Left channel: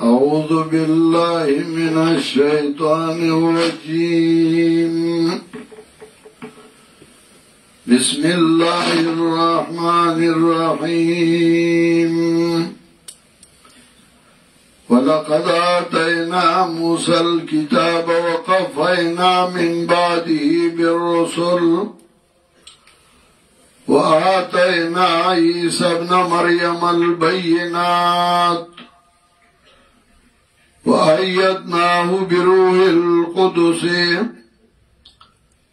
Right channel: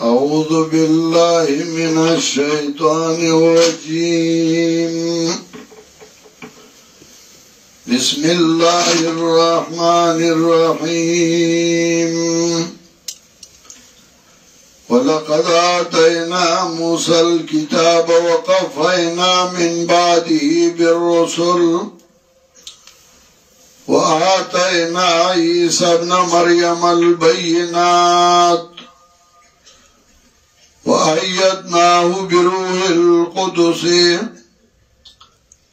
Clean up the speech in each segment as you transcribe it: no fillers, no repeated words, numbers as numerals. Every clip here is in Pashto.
أعوذ بالله من الشيطان الرجيم بسم الله الرحمن الرحيم ولقد آتينا موسى الكتاب وقفينا من بعده بالرسل وآتينا عيسى ابن مريم البينات وأيدناه بروح القدس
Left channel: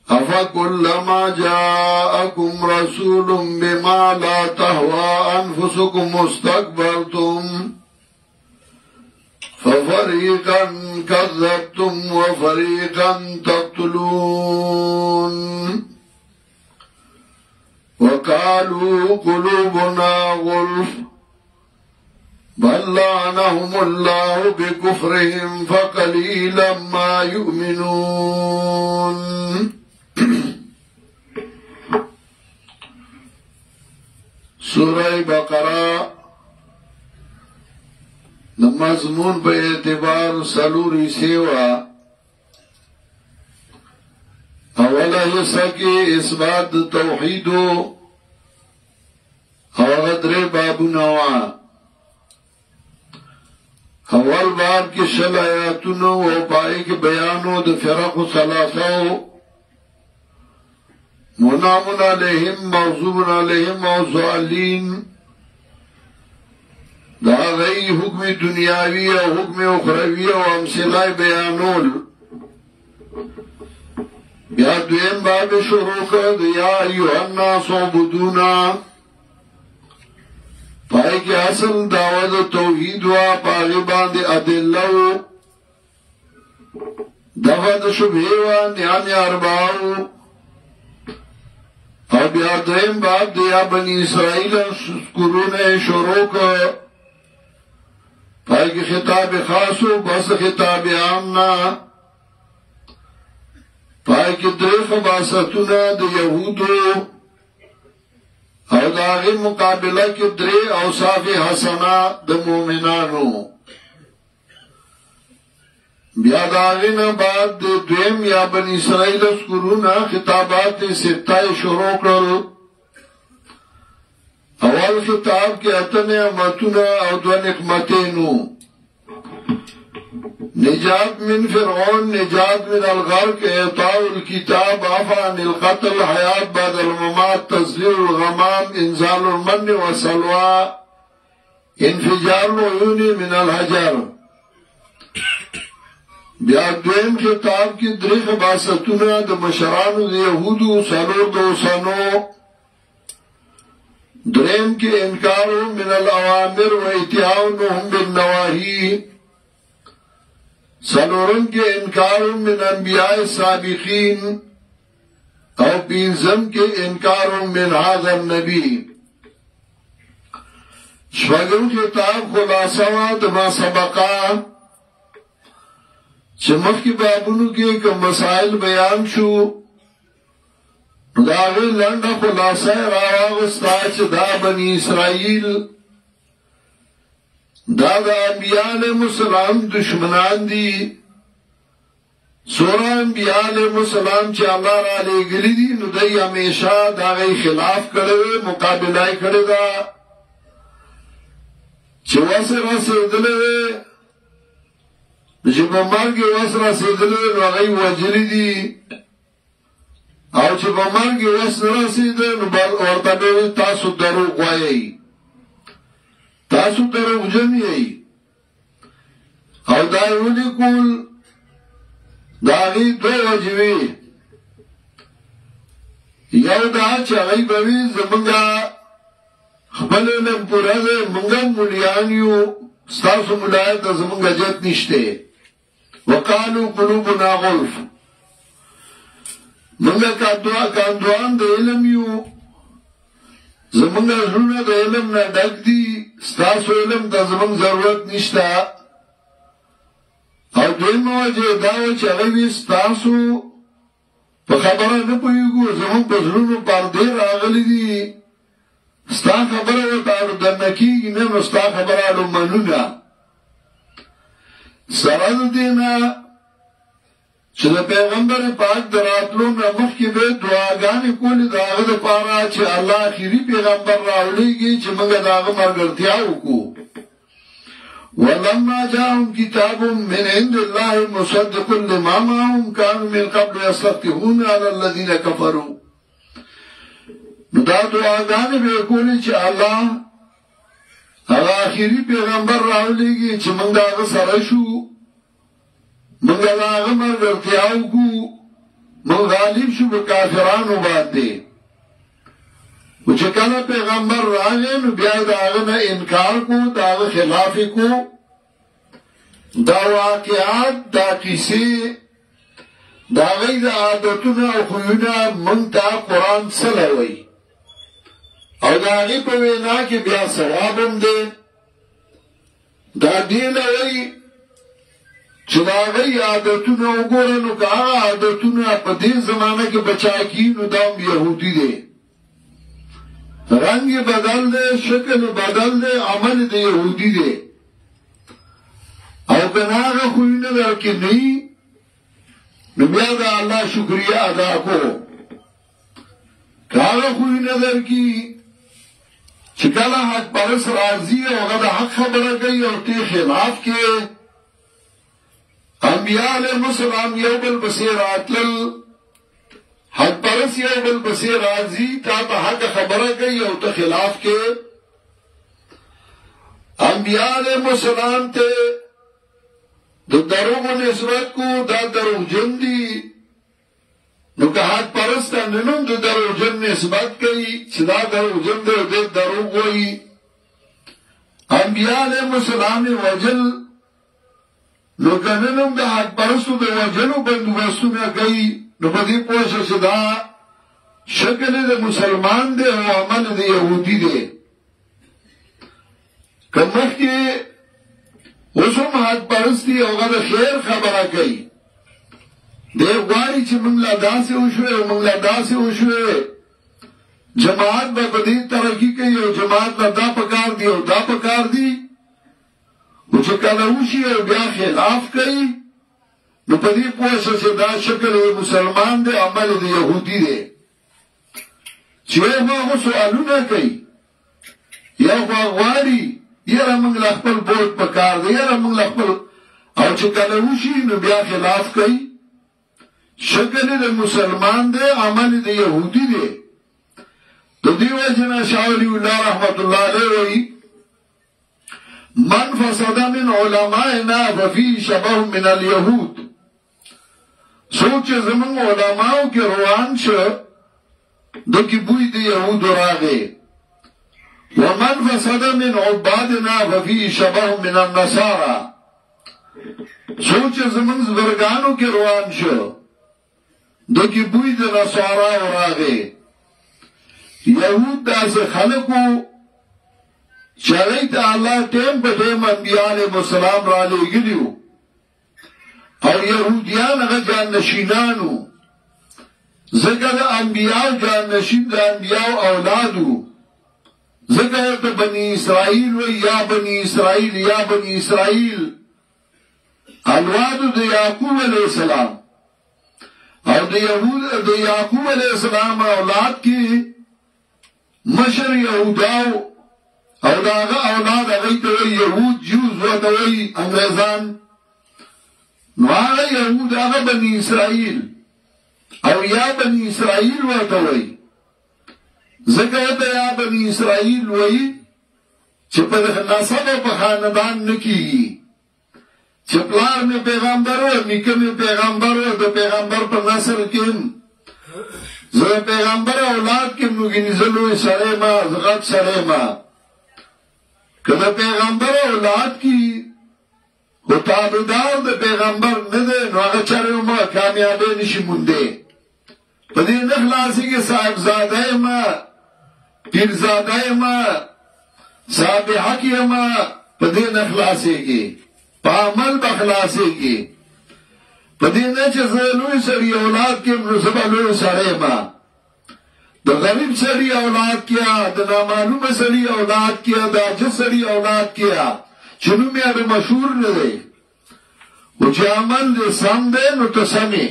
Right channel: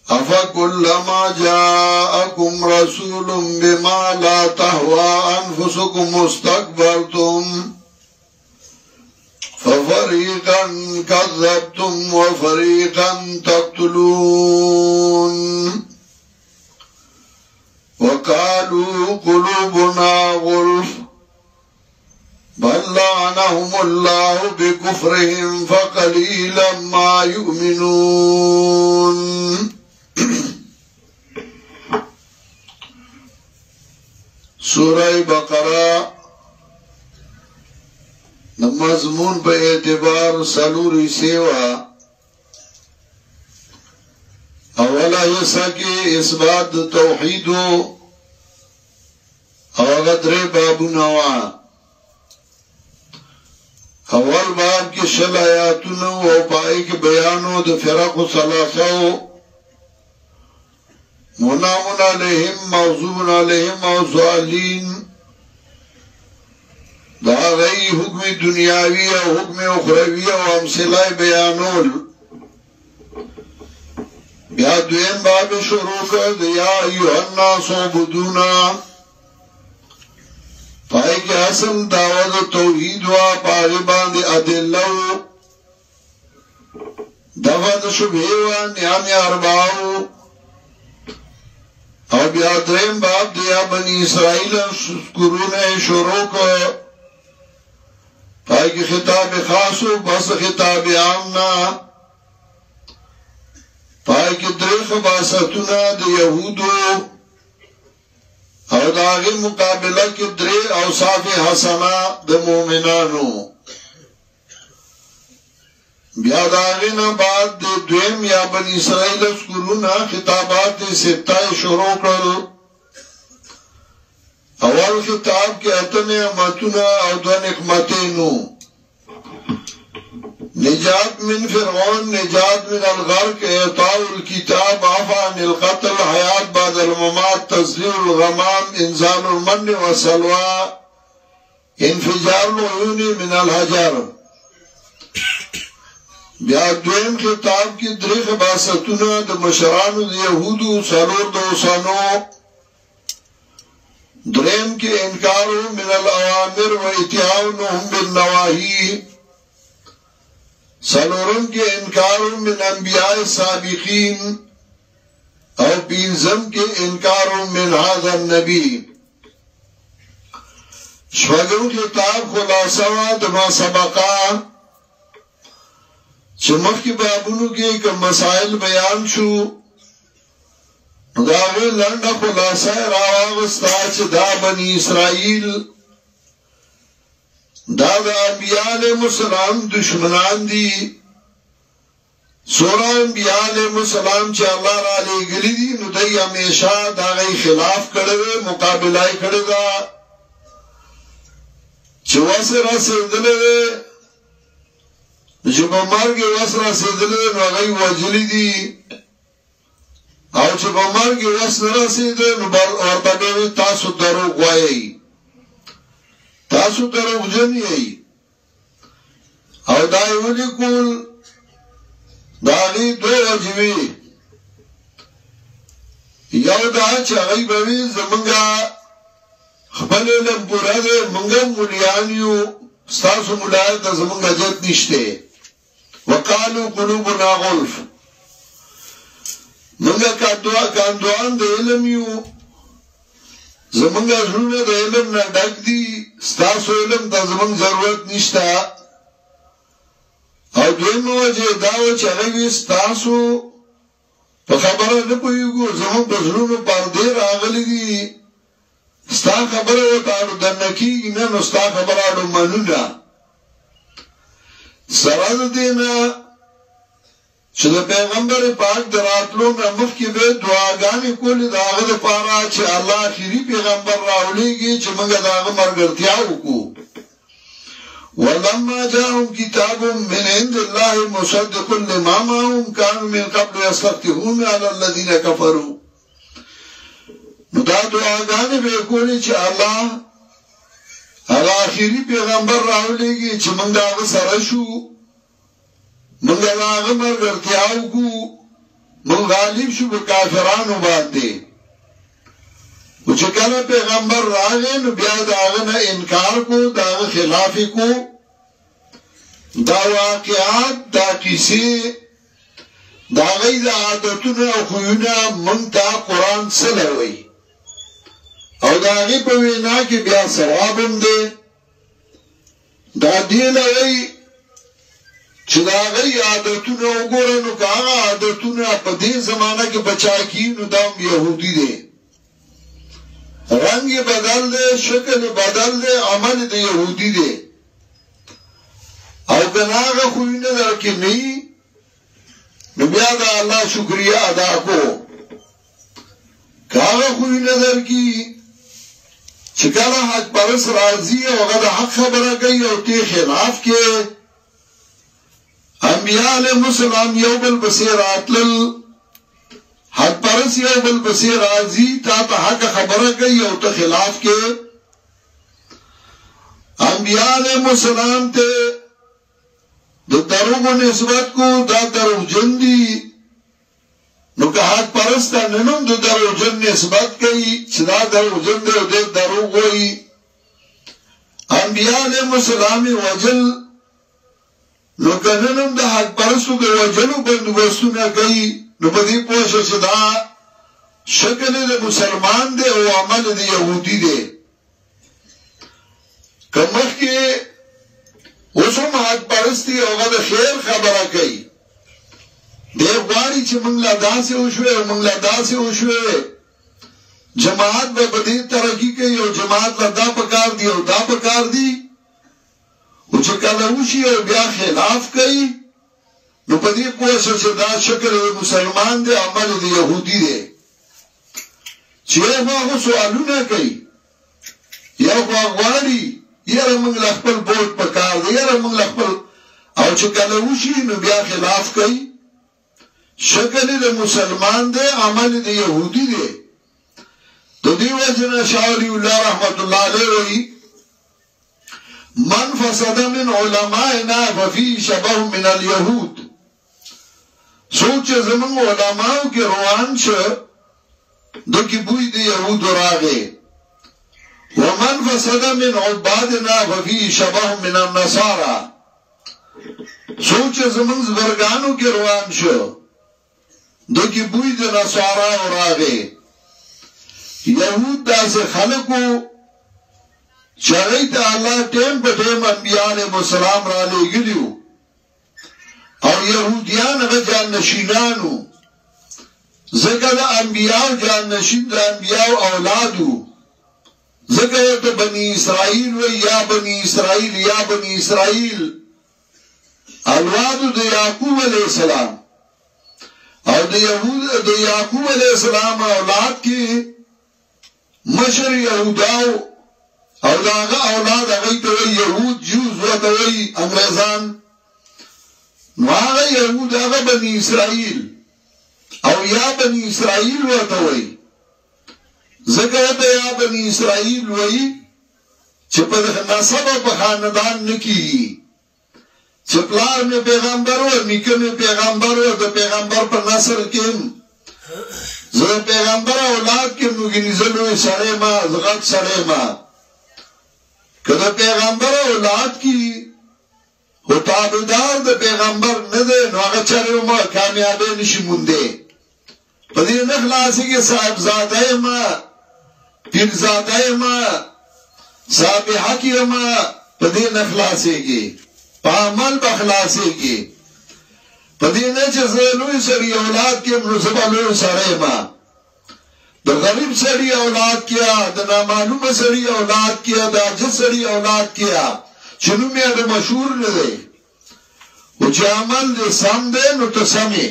أفكلما جاءكم رسول بما لا تهوى أنفسكم استكبرتم ففريقا كذبتم وفريقا تقتلون وقالوا قلوبنا غلف بل لعنهم الله بكفرهم فقليلا ما يؤمنون سورة بقرة مضمون په اعتبار سلوري سیوا اولا حصہ کې اثبات توحید او غدر باب نوا اول باب کې شل آیاتونو او پای کې بیانو د فرق ثلاثه منام علیهم موضوع علیهم او ضالین دا غی حکم دنیاوی او حکم اخروی او امثله بیانول بیا دویم باب شروع کرد یا ایوہ الناس عبدونا پای کی اصل دعوت توحید و پاغبان دی ادلو دفت شبه و نیان ارباو او بیا دویم باب دیا بنی اسرائیل قرون شروع کرد پای کی خطاب خاصو بس خطاب عامنا پای کی دریخ باستونا دی یهودو او داغی مقابلہ کی دری اوصاف حسنہ دی مومنانو بیا داغینا بعد دی دویم یا بنی اسرائیل اسکرونا خطابات ستائی شروع کرو اول خطاب کے اتم امتنا او دو نقمتینو نجات من فرعون نجات من الغرق اعطاء الكتاب عفان القتل حیات بعد الممات تزلیل الغمام انزال المن وسلوى انفجار العیون من الحجر بیا دویم خطاب کی دریخ باستونا د مشرانو د یهودو سلور دوسانو درم کے انکارو من الاوامر و اتیاؤنهم بالنواہی سلورم کے انکارو من انبیاء سابقین او پینزم کے انکارو من هذا النبی شوگم خطاب خلاصہ دما سبقا چمخ کی بابونو کے کم مسائل بیان شو داغی لنڈا خلاصہ راوغستا چه دا بنی اسرائیل دا انبیاء علیہ السلام دشمنان دی سورہ انبیاء علیہ السلام چه اللہ را لے گلی دی نو دی ہمیشہ داغی خلاف کردے مقابلہ کردے چه وصر رسیدلے چه مرگ وصر رسیدلے نو غی وجلی دی او چې په مرګ وس نه رسیدل نو بل ورته به تاسو دروغ وایي تاسو دروغ جن یې او دا یو لیکول دا لري دوه وجوي یو دا چې هغه به زمونږه خپل له پوره مونږ مليان یو تاسو ملایت زمونږه جت نشته وقالو قلوبنا غلف منگا کاندوان دا علم یو زمانگا زرون دا علم نا ڈک دی ستاسو علم دا زمان ضرورت نشتا او دویمه وجه دا و چې هغه وی ستاسو په خبره نه پوهېږو زموږ په زړونو پردې راغلي دي ستا خبره ورته اړودنه کېږي نه نو ستا خبره اړومنو ده سره د دې نه چې د پیغمبر پاک د راتلو نه مخکې به دعاګانې کولې د هغه دپاره چې الله اخري پیغمبر راولېږي چې موږ د هغه ملګرتیا وکړو ولما جاءهم كتاب من عند الله مصدق لما معهم كانوا من قبل يستفتحون على الذين كفروا نو دا دعاګانې به کولې چې الله هغه اخري پیغمبر راولېږي چې موږ د هغه سره شو موږ د هغه ملګرتیا وکړو موږ غالب شو په کافرانو باندې و چې کله پیغمبر راغی نو بیا د هغه نه انکار کو د هغه خلاف کو دا واقعات دا کیسې د هغوی د عادتونه او خویونه موږ ته قرآن څه وایي او د هغې په وینا کې بیا ثواب هم دی دا دې له وایي چې د هغوی عادتونه وګوره نو که هغه عادتونه په دې زمانه کې بچا کي نو دا هم یهودي دی رنگ بدل دے شکل بدل دے عمل دے یہودی دے او کناغ خوینے در کے نہیں نبیا دا اللہ شکریہ ادا کو کاغ خوینے در کی چکالا حق پرس راضی او غد حق خبر گئی او تی خلاف کے انبیاء علیہ السلام یو بالبصیر آتلل حق پرس یو بل بسی راضی تا تا حق خبره گئی او تا خلاف کے انبیاء علیہ السلام تے دو دروغ نسبت کو دا دروغ جن دی نو که حق پرس تا ننم دو دروغ جن نسبت گئی چی دا دروغ جن دے و دے دروغ ہوئی انبیاء علیہ السلام وجل نو که ننم دا حق پرستو دا وجلو بندوبستو نا گئی نو په دې پوه شو چې دا شکل د مسلمان دی او عمل د یهودي دی که مخکې اوس هم حق پرستی او هغه د خیر خبره کوي دی غواړي چې موږ لا داسې وشوې او موږ لا داسې وشوې جماعت به په دې ترقي کوي او جماعت لا دا پکار دی او دا پکار دی او چې کله وشي او بیا خلاف کوي نو په دې پوه شو چې دا شکل مسلمان دی عمل د یهودي دی چې هغه سوالونه کوي یو غواړي یاره موږ له خپل بوټ پکار دی یاره موږ له خپل او چې کله وشي نو بیا خلاف کوي شکل د مسلمان دی عمل د یهودي دی د دې وجه نه شاعر الله رحمت الله علیه وایي من فسد من علمائنا ففي شبه من اليهود سوچ زمون علماء کې روان شه دکی بوی دی یهود راغه ومن فسد من عبادنا ففي شبه من النصارى سوچ زمون زبرګانو کې روان شه دکی بوی دی نصارا راغه یهود داسې خلقو چاہیے تا اللہ ٹیم پہ ٹیم انبیاء علیہ السلام را لے گلیو او یهودیان اگا جان نشینانو ذکر انبیاء جان نشین دا انبیاء اولادو ذکر تا بنی اسرائیل و یا بنی اسرائیل یا بنی اسرائیل اولادو دا یعقوب علیہ السلام او دا یعقوب علیہ السلام اولاد کی مشر یهوداو او داغا اولاد اغیی توی یهود جوز و توی انگریزان نو آغا یهود آغا بنی اسرائیل او یا بنی اسرائیل و توی ذکرت یا بنی اسرائیل وی چه پا نصب پا خاندان نکی چه پلار میں پیغمبر و نکم پیغمبر و دا پیغمبر پا نصر کم زر پیغمبر اولاد کم نگی نزلوی سرے ما زغط سرے ما که دا پیغمبر اولاد کی و تابدار دا پیغمبر نده نو آگا چرو ما کامیابی نشی منده پا دی نخلاسی که صاحب زاده ما پیر زاده ما صاحب حقی ما پا دی نخلاسی که په عمل به خلاصېږي په دې نه چې زه لوی سړي اولاد کیم نو زه به لوی سړی ما د غریب سړي اولاد کیا د نامعلومه سړي اولاد کیا د عاجز سړي اولاد کیا چې نوم یې د مشهور نه دی خو چې عمل دې سم دی نو ته سمې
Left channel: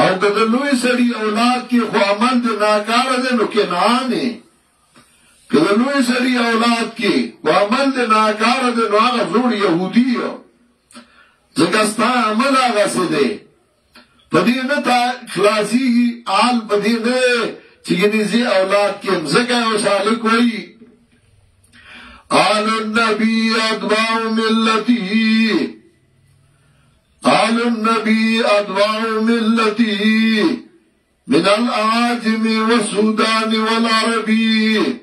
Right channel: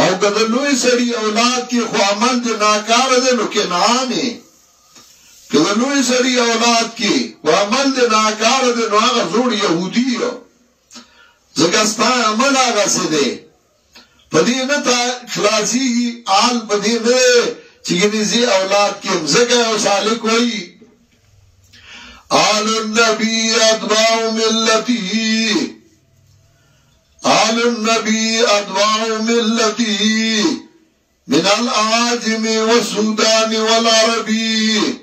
او که د لوی سړي اولاد کې خو عمل دې ناکاره دی نو کنعان یې که د لوی سړي اولاد کې خو عمل دې ناکاره دی نو هغه زوړ یهودي یو ځکه ستا عمل هغسې دی په دې نه تا خلاصېږي حال په دې نه دی چې ګنې زه اولاد کیم ځکه یو سالک وایي آل النبي اتباع ملتي آل النبي اتباع ملتي من الأعاجم والسودان والعربي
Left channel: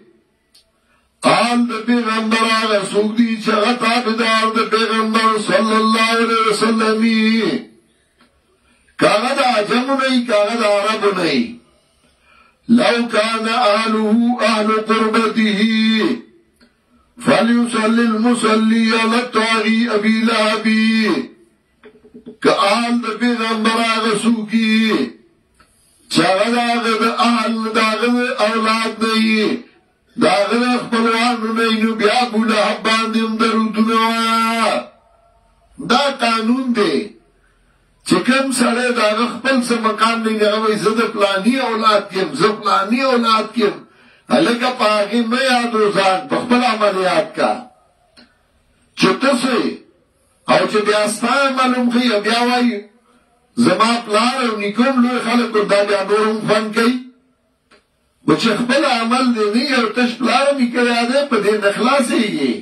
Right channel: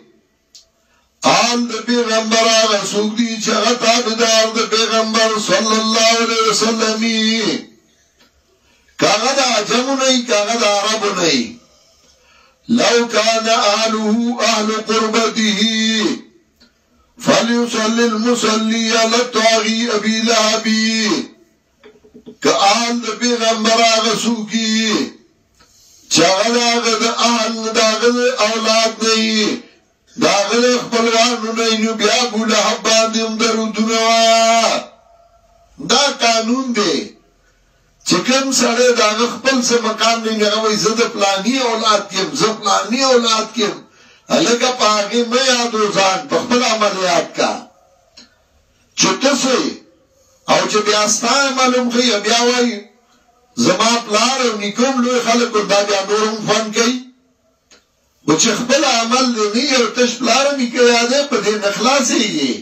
آل د پیغمبر آغا سوک دی چغا تابدار د پیغمبر صلی اللہ علیہ وسلم کاغا دا عجم نئی کاغا دا عرب نئی لو کان آلوه اہل قربته فلیصلی المسلی علی الطاغی ابی لہبی که آل د پیغمبر آغا سوکی چغا دا آغا دا آل دا آغا دا اولاد نئی داغل اخبروانو نینو بیا بولا حباندیم درودونو دا قانون دی چکم سڑے داغ خپل سے مقام نئی نغوی زد پلانی اولاد کیم زد پلانی اولاد کیم لکا پاگی میں یادو زان پخپل عملیات کا چھتا سے او چه بیاستا معلوم خی بیاوائی زما پلار او نکم لوی خلقو دا بیا نورم فن کئی و چې خپل عمل دی نه یو تش پلار نکړی دی په دې نه خلاصېږي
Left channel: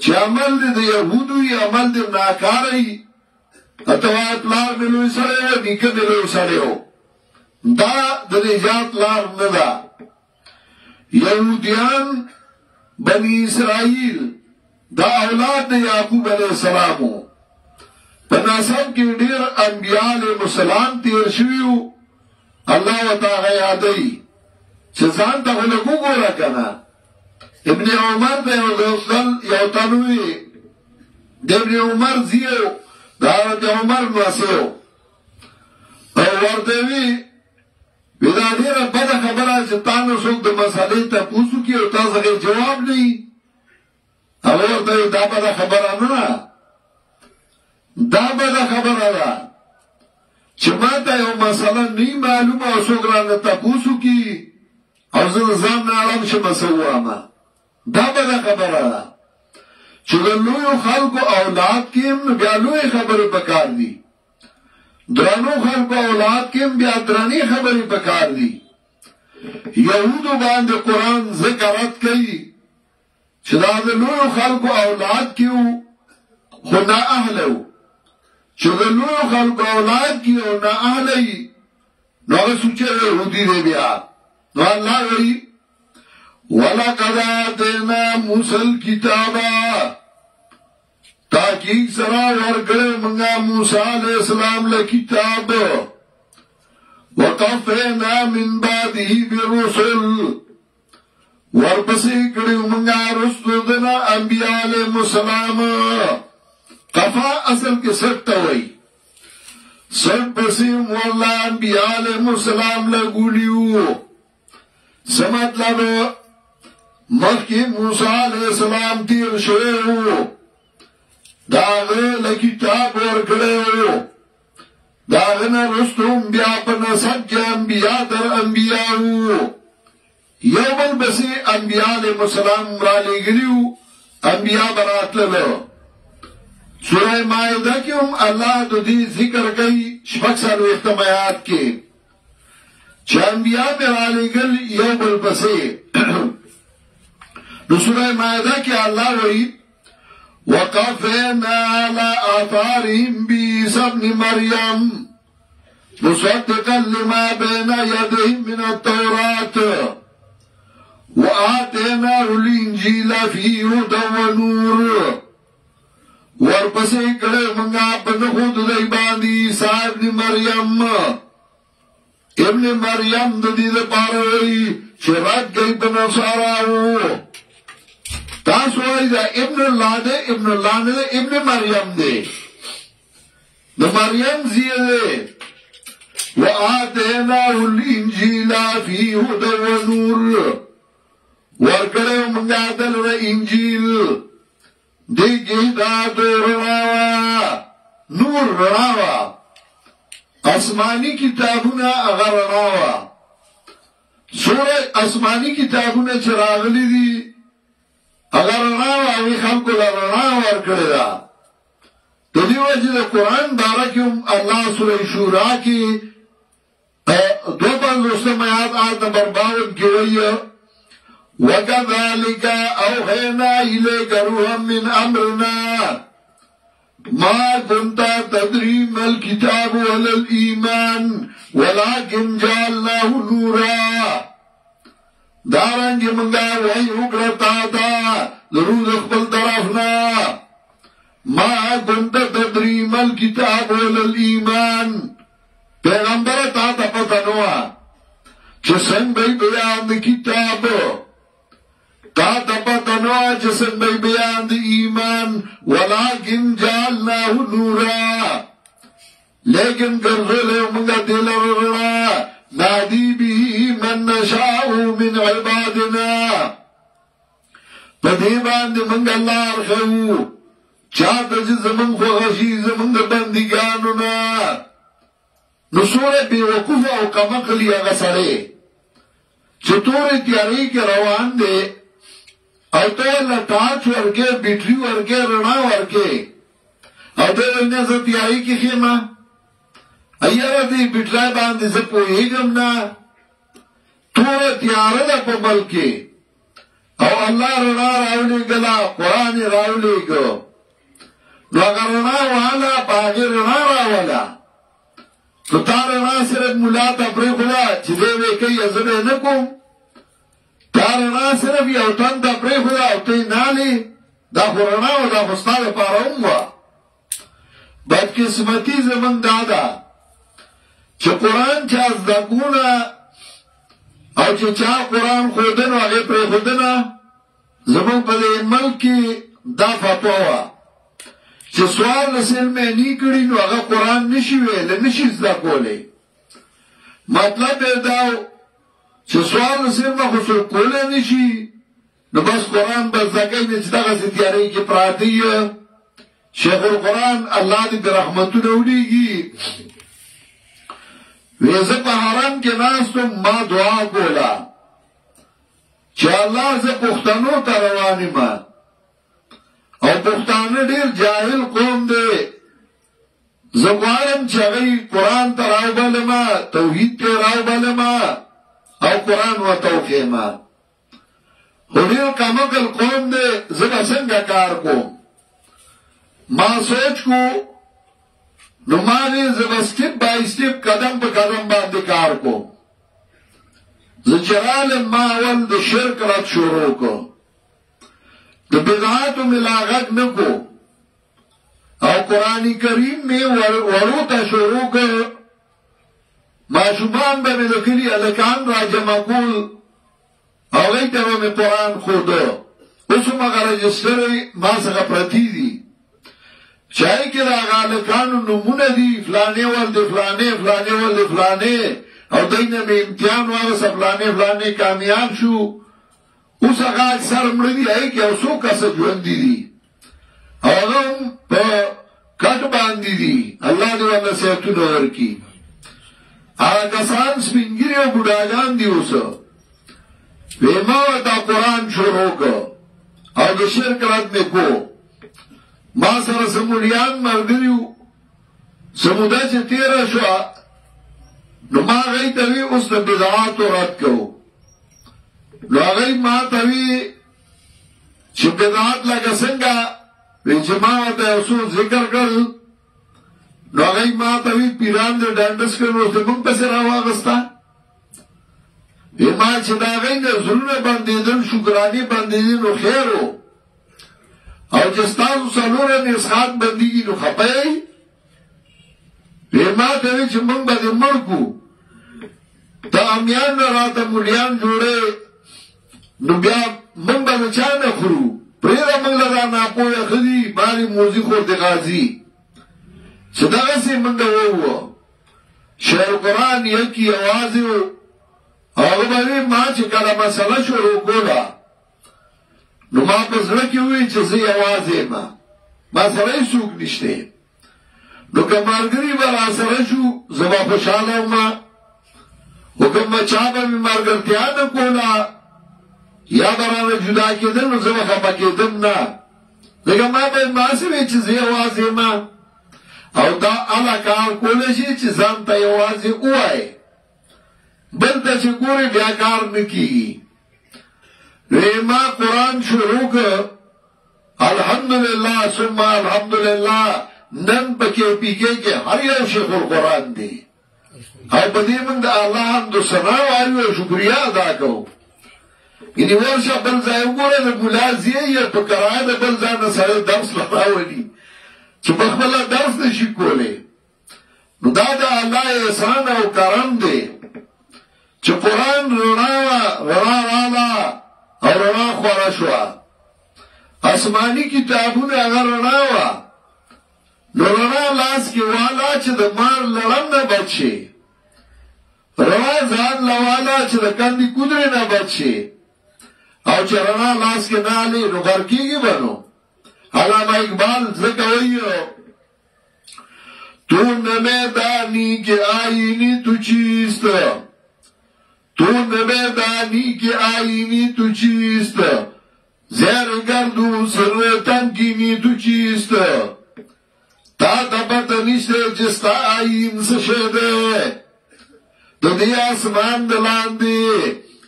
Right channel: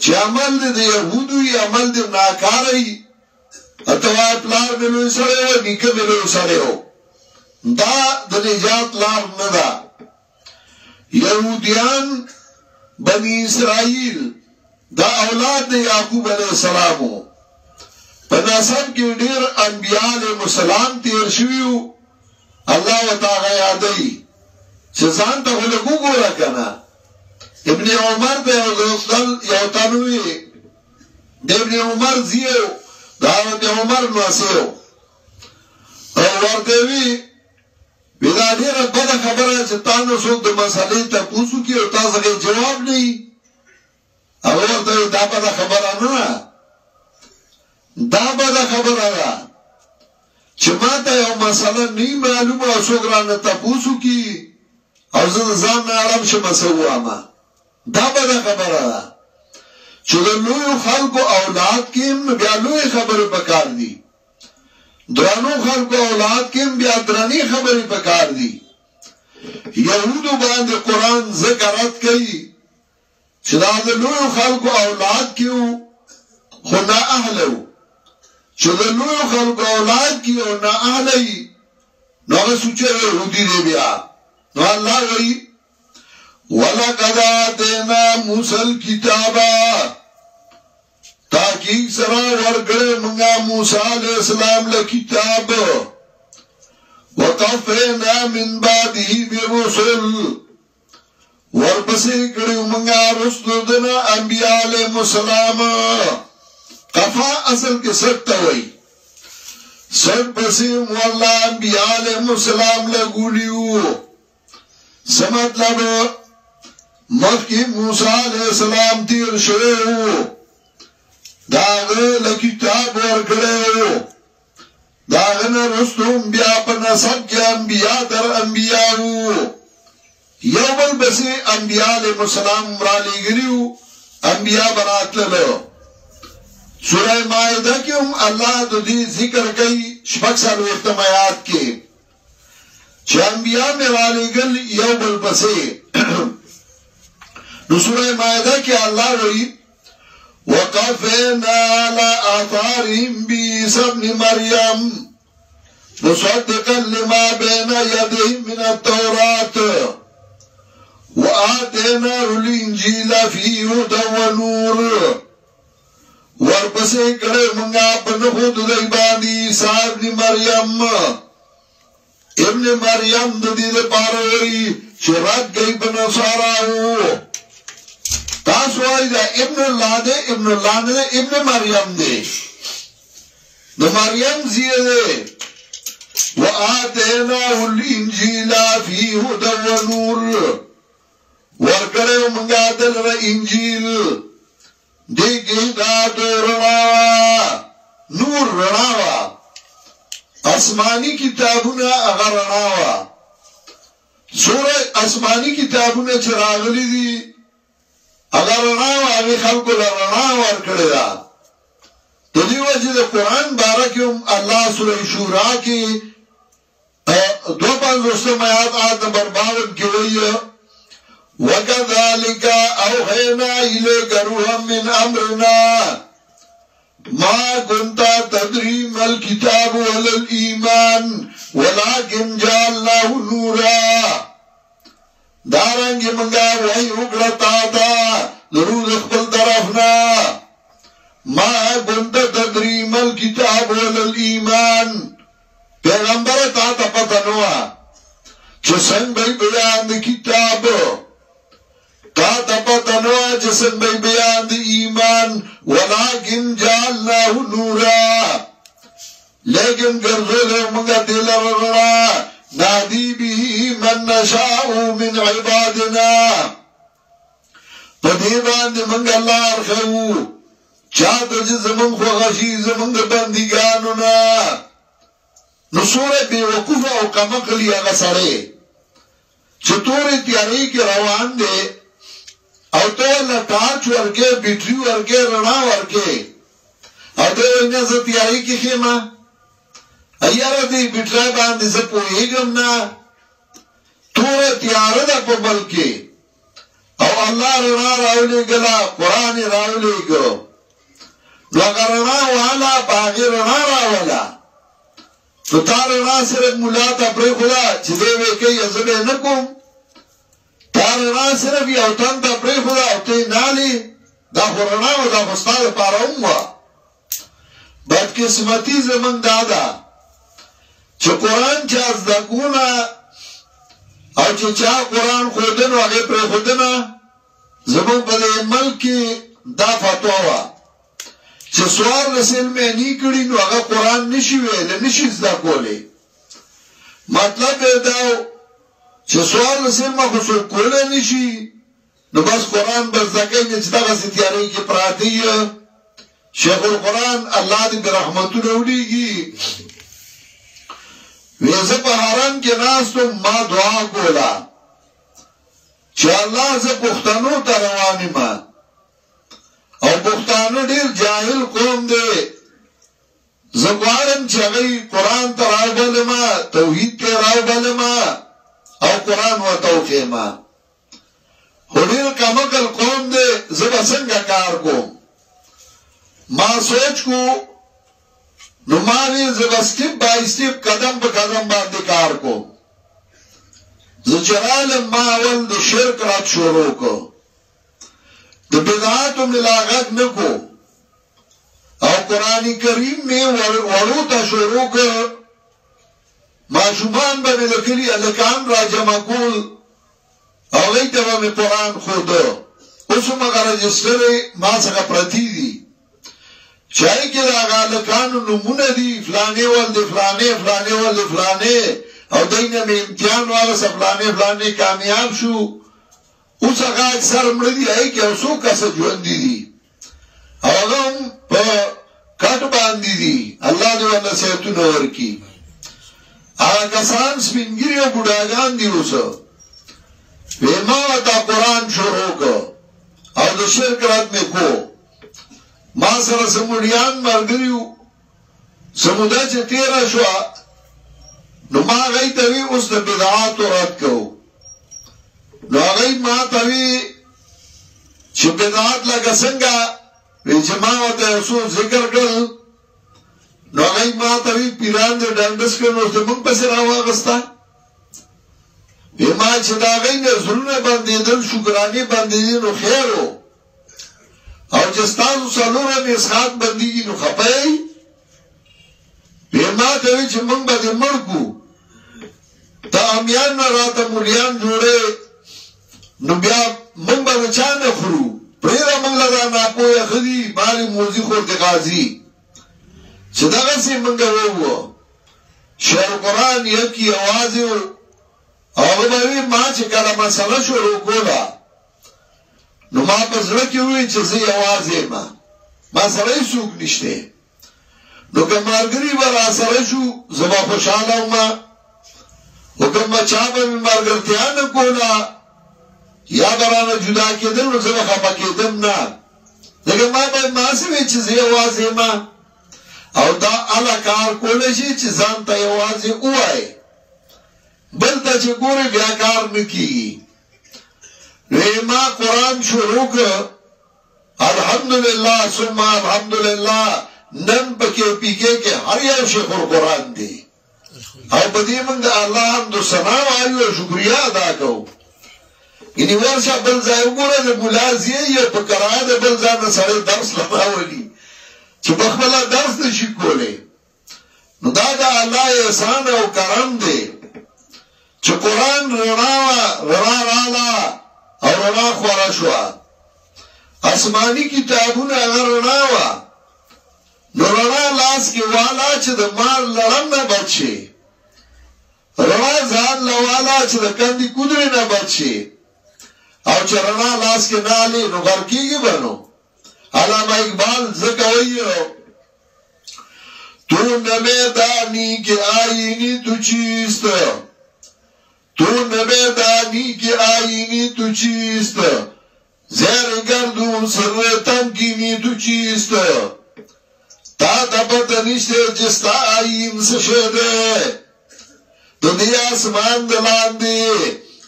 چې عمل دی د یهودو یې عمل دی ناکاره یي اته وایي پلار مې لوی سړی و نیکه مې لوی سړی و دا د نجات لار نه ده یهودیان بني اسرائیل دا اولاد د یعقوب علیه السلام و په نسب کې ډېر انبیا علیهم السلام تیر شوي وو الله وتعالی یادوي چې ځان ته ولګو ګوره کنه ابن عمر ته یو تنوي د ابن عمر زیو دا د عمر نواسیو او ورته وی دا ډیره بده خبره چې تاسو څوک د مسالې ته پوښتنه کوي او تاسو یې جواب نه او ورته دا بده خبره نه دا بده خبره ده چې ما ته یو مسله نه معلومه او څوک رانه تاسو کی او زه ځان نه عالم شم سوامه دا به خبره ده چې د لوی خلکو اولاد کې بیا لوی خبره پکار دي درانو خلکو اولاد کې بیا درانی خبره پکار دي یهودو باندې قران ذکرات کوي چې دا د لوی خلکو اولاد کې خدا اهلو چې د لوی خلکو اولاد کې او نه اهلي نو سوچه يهودي دی بیا نو الله وی ولقد آتینا موسی الکتاب تحقیق سره ورکړې موږ موسی علیہ السلام له کتاب وقفنا من بعده بالرسل ورپسې کړو موږ رسول دنا انبیاء علیهم السلام قفا اصل کې ست وای ست پسې مولا انبیاء علیهم السلام له ګولیو سمات لابو مخی موسیٰ علیہ السلام تیر شوئے ہو داغه لکتاب ورکڑے ہو داغه نرستم بیا پا نسب کے انبیاء در انبیاء ہو یوم البسی انبیاء علیہ السلام رالی گریو انبیاء برات للو سورہ مائدہ کیوں اللہ دو دی ذکر کئی شپک سالو اختمایات کے چه انبیاء میں رالی گل یوم البسی نو سورہ مائدہ کی اللہ وی وقفنا على آثارهم بعیسی ابن مریم مصدقا لما بین یدیهم من التوراة وآتیناه الانجیل فیه هدى ونور ورپسې کړه موږ په خود دی باندې عیسی ابن مریم د دې لپاره وی چې راځي په نصاراو تاسو وایي دا ابن الله دی، ابن الله نه ابن مریم دی، د مریم زیه دی. وآتیناه الانجیل فی هدى ونور، ورکړو موږ دلته انجیل دی کې هدایت رڼا نور رڼا، آسمانی کتابونه هغه رڼا وا. سوره آسمانی کتابونه چې راغلي دي هغه رڼا وا، هغه خلکو له رڼا ورکړې ده. د دې وجه د قرآن باره کې هم الله سوره شورا کې 52 آیات نمبر 52 کې وایي وَكَذَلِكَ أَوْحَيْنَا إِلَيْكَ رُوحًا مِّنْ أَمْرِنَا مَا كُنْتَ تَدْرِي مَا الْكِتَابُ وَلَا الْإِيمَانُ وَلَكِنْ جَعَلْنَاهُ نُورًا. دارنګ موږ وحی وکړه تا ته د روح خپل طرفنا ما كنت تدري ما الكتاب ولا الإيمان. پیغمبر تا ته پته نه وه چې څنګه بیان د کتاب، تا ته پته نه وه چې څنګه بیان د ایمان. ولکن جعلناه نورا، لیکن ګرځولې موږ دې لره رڼا نهدي به من نشاء من عبادنا. په دې باندې موږ لار ښیو چاته چې زمونږ خوښه شي زمونږ د بندګانو نه. نو سوره بے وقوفه او کمقلی هغه سړی چې تورې تیارې کې روان دی او ته له ټارچ ورکې بیټري ورکې رڼا ورکې او دی وایي نه زه تیارې کې ښیمه، یاره دې بیټرۍ باندې زه پوهېږم نه، توره تیاره ده په بل کې او الله رڼا راولېږله، قرآن یې راولېږه. نو هغه رڼا واله په هغې رڼا راوله. تو تا رڼا صرف ملا ته پرېښوده چې دی وی کوي زه به یې نه کوم، تا رڼا صرف یو تن ته پرېښوده او ته یې نالې، دا خو رڼا وه، دا خو ستا دپاره هم وه. بدقسمتي زمونږ دا ده چې قرآن چا زده کونه او چې چا قرآن ښودنه هغې پرېښودنه. زمونږ په دې ملک کې دا فتوا وه چې سوار رسلمه نی کړي نو هغه قرآن نشي ویلی، نشي زده کولی. مطلب یې دا چې سوار رسلمه خو څوک کولی نشي نو بس قرآن به زده کوي نه چې دغسې تیارۍ کې پراته یې. شیخ القرآن الله دې برحمتونه ولیږي وی زه په حرم کې ناستم، ما دعا کوله چې الله زه پښتنو ته روان یم او پښتانه ډېر جاهل قوم دی، زه غواړم چې هغوی قرآن ته راوبلمه، توحید ته راوبلمه او قرآن ورته وښیمه. خو ډېر کمعقل قوم دی، زه به څنګه کار کوم؟ ما سوچ کو نو ما وی زه به سټپ بای سټپ قدم په قدم باندې کار کوم. زه چې رالم ما اول د شرک رد شروع کړ، د بدعاتو مې لا غږ نه کو او قرآن کریم مې ورو ته شروع کړ. ماشومان به مې د کلي هلکان را جمع کول هغوی ته به مې قرآن ښوده. اوس هم هغه رجسټرې ما څخه پرتې دي چې هغې کې د هغه هلکانو نومونه دي، فلانې ول د فلانې، فلانې ول د فلانې، او دوی نه مې امتحان واغسته، فلانې فلانې کامیاب شو. اوس هغه اکثر مړه دي، هغې کې یو څو کسه ژوندي دي، هغه هم په کټ باندې دي، الله دې ورله صحتونه ورکړي. هغه کسان سپین ږیري او بوډاګان دي. اوس وی ما ورته قرآن شروع کړ او د شرک رد مې کو. ما سره سموډیان ملګري وو، سموده چې تېره شوه نو ما هغوی ته وی اوس د بدعاتو رد کوو. نو هغوی ما ته وی چې بدعات لکه څنګه؟ وی چې ما ورته یو څو ذکر کړل. نو هغوی ما ته وی پیران د ډنډس کړل نو زمونږ پسې راواغسته. وی ما چې د هغوی نه زړونه بندېدل، شکرانې بندېدې نو خیر و، او چې ستاسو څلوره مسحات بندېږي نو خفه یې. وی ما ته وی چې موږ به دې مړ کړو، ته امیان نه راته مولیان جوړې نو بیا موږ به د چا نه خورو؟ پریره منگ لدا ناپوی خدی ماری موزی خورد غازی صدقه سی منگ وو شهر قرآن یکی آوازی او باوی ما چې کله مسله شروع کوله نو ما په زړه کې وی چې زه یوازې ما سره هیڅوک نشته نو که ملګري به راسره شو زه به خوشحاله وم خو که چا به مې ملګرتیا نه کوله یا به رانه جدا کېدل نو زه به خفه کېدم نه ځکه ما به ماسې وی چې زه یوازې یم او دا هغه کار کولی شي چې ځان ته یوازې ووایې بل ته چې ګورې بیا کار نه کېږي نو ما قرآن شروع کړ الحمدلله ثم الحمدلله نن په کې پیکې کې هر یو شیخ القرآن دی او په دې موږ د الله حمد ثنا وایو او شکریا ادا کوو یعنې ورشه بل ځای وګوره د ملا زیې یا په کرایه د بل ځای نه سړی درس راولي چې په خپله درس نشي کولی نو دا د الله احسان او کرم دی چې قرآن رڼا راله او رڼا خوره شوه آسماني کتابونه هغه رڼا وه نو رڼا لاس کې والا چې د مار لړم نه بچ شي رڼا ځان له والا چې د کندې کودرې نه بچ شي او چې رڼا لاس کې نه علي نو غر کېږي به نو علامه اقبال ځکه وایي تو न मैदानी के आईनी तू चीस्त تو न मैदानी के आईनी तू चीस्त زیر گردو سر تنگینی تو چیست تا پتا نشته جستا آئین سشده دنی آسمان دلاندی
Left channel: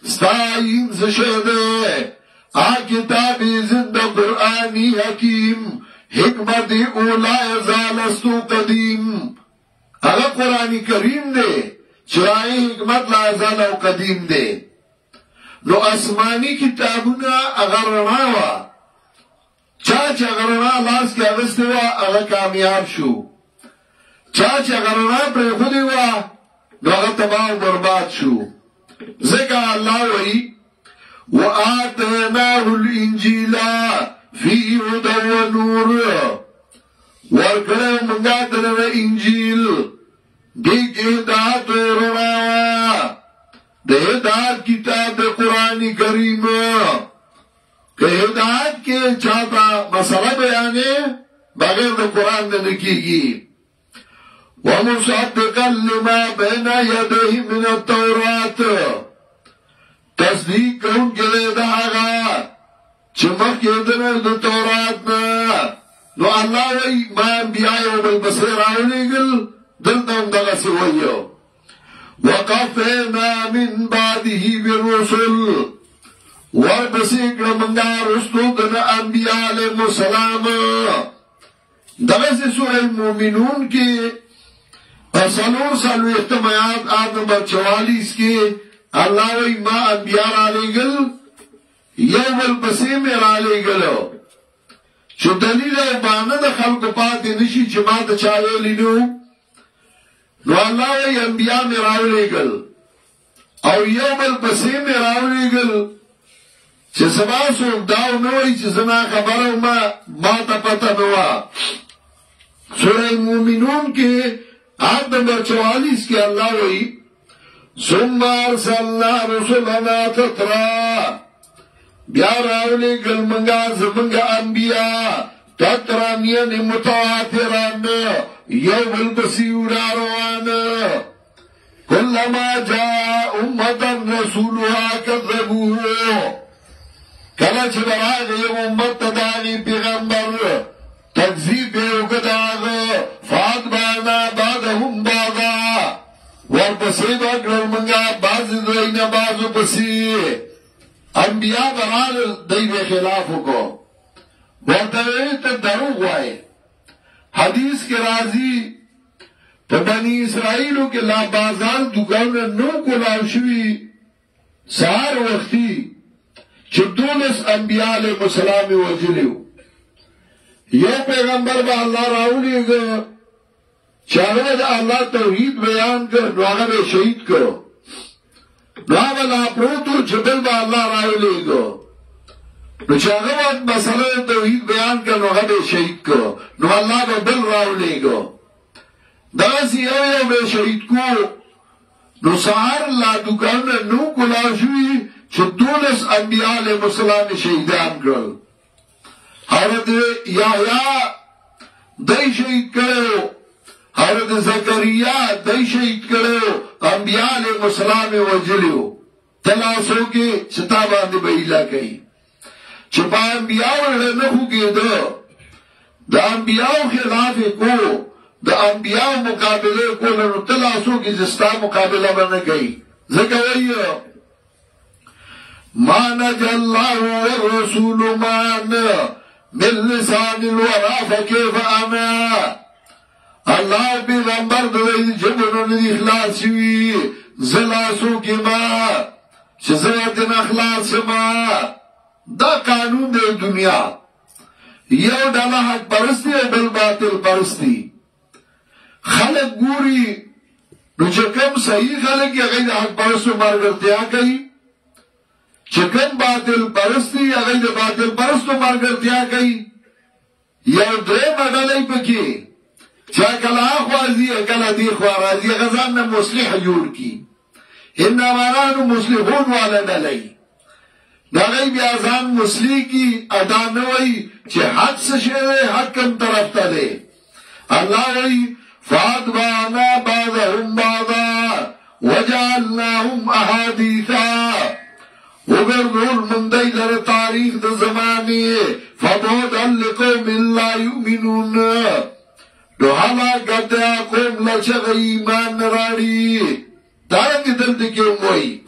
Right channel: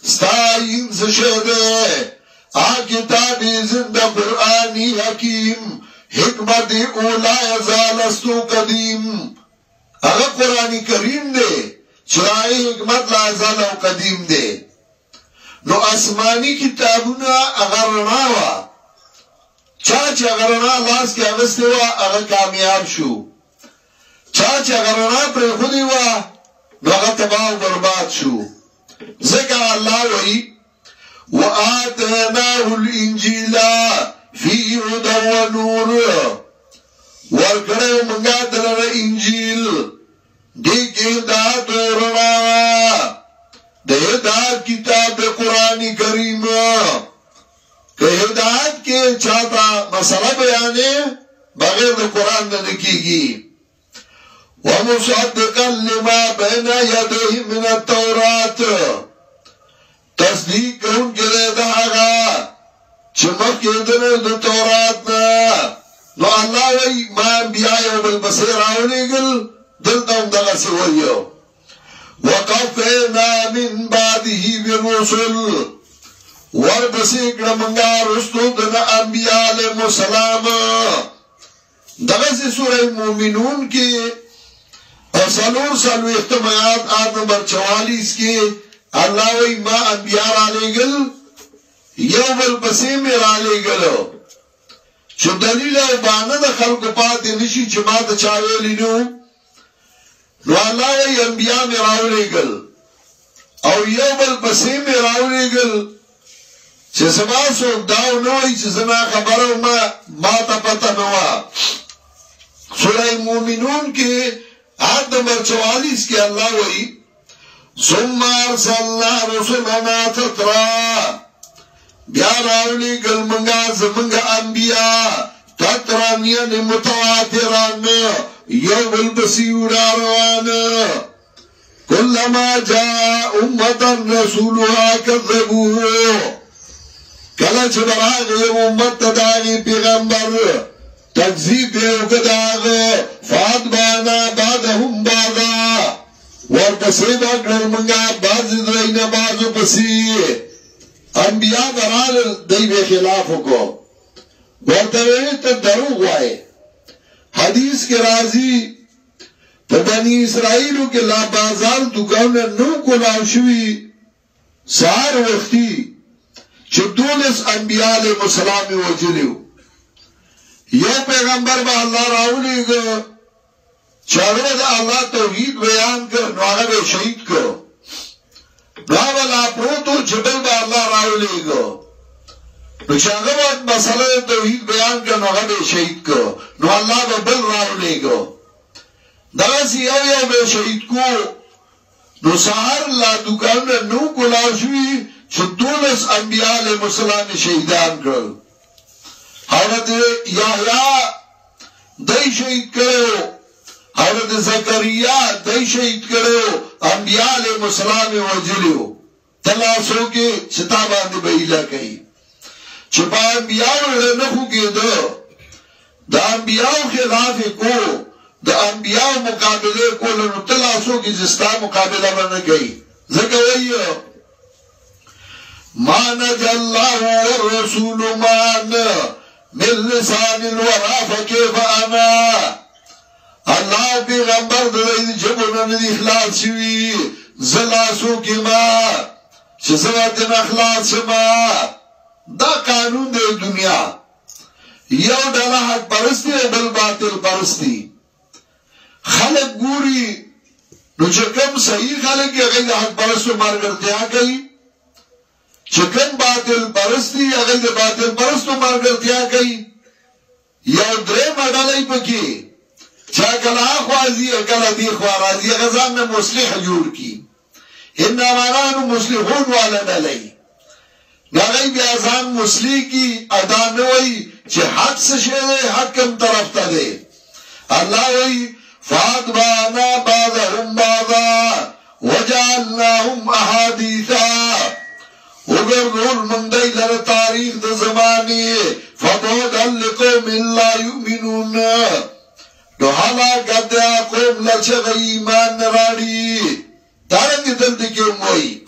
ستا آئین سشده آکتابی زندہ قرآنی حکیم حکمت اولا ازالستو قدیم اگر قرآنی کریم دے چرائی حکمت لا ازال او قدیم دے نو آسمانی کتابونه اگر رڼا وه چا چې اگر رڼا لاس کې اغستې وه هغه کامیاب شو چا چې اگر رڼا پرېښودې وه نو هغه تباه او برباد شو ځکه الله وایي وآتیناه الانجیل فی هدی ونور ورکړی موږ دلته انجیل دې کې هدایت او رڼا د هدایت کتاب د قرآن کریم که هدایت کې چاته مسله بیانې بغیر د قرآن نه کېږي ومصدقا لما بین یدیه من التورات تصدیق کوونکی دی د هغه چې مخکې د تورات نه نو الله وایي ما انبیا یو بل پسې راولېږل دلته هم دغسې وایي وقفنا من بعده بالرسل ورپسې کړه موږ رستو د انبیا علیهم السلام دغسې سوره مومنون کې څلوېښتم آیات نمبر 44 کې الله وایي ما انبیا رالیږل یو بل پسې مې رالیږل چې دلیل او بهانه د خلکو پاتې نشي چې ما ته چا ویلي نو الله وی انبیاء میں راولیگل او یو بل پسی میں راولیگل چه سبا سوک داو نوی چه زنا خبرو ما تا پتا نوا سورہ مومنون کے آیت نمبر 44 کے اللہ وی ثم ارسلنا رسلنا تترا بیا راولیگل منگا زمنگا انبیاء تترا نیان متواتران یو بل بسیو راروان کلما جا امتا رسولها کذبوه کلا چه براغ یو امت داغی پیغمبر تکذیب یو کداغ فاتبانا بعدهم بعدا ورپسی باقرر منگا بازی درین بازو پسی انبیاء برال دیو خلافو کو ورطویت دروغ وائی حدیث کے راضی تو بنی اسرائیلو کے لا بازار دکان نو کو لاوشوی سار وقتی چه دولس انبیاء علیہ السلام وجلیو یو پیغمبر با اللہ راولی گا چاہوے دا اللہ توحید بیان کر نواغا بے شہید کرو نواغا لا پروتو جبل با اللہ راولی گا نو چې هغه وخت مسله توحید بیان کړه نو هغه شهید کو نو الله به بل راولېږو دغسې یو به شهید کو نو سهار لا دوکانونه نو کولار شوي چې 12 انبیاء علیهم السلام شهیدان کړل حضرت یحیی دای شهید کړو حضرت زکریا دای شهید کړو انبیاء علیهم السلام وجلیو تلاسو کې ستا باندې بهیلا کوي چې په انبیاء نه خوګېدو د انبیاء خلاف کو د انبیاء مقابله کول نو تلاسو کې زستا مقابله باندې کوي ځکه وایي ما نجى الله والرسول معنا من لسان الورى فكيف انا الله پیغمبر د جبونو نه اخلاص شوی زلاسو کې ما چې زړه د اخلاص ما دا قانون دی دنیا یو ډله حق پرستی بل باطل پرستی خلق ګوري نو چې کوم صحیح خلق یې غیر حق پرستو مارګرتیا کوي چې کوم باطل پرستی هغه د باطل پرستو مارګرتیا کوي یو درې مډالې پکې چا کله اخوازی کله دی خو راځي غزان نه مصلح جوړ کی انما نحن مصلحون والا نه لای دا غي بیا ځان مصلح کی ادا نه وای چې حق څه شی حق کوم طرف ته دی الله وای فاتبعنا بعضهم بعضا وجعلناهم احاديثا وګورګول من دای لره تاریخ د زمانه فبعدا لقوم لا يؤمنون دو حالا گدیا قوم لچه ایمان نراڑی دارنگی دلتی که موئی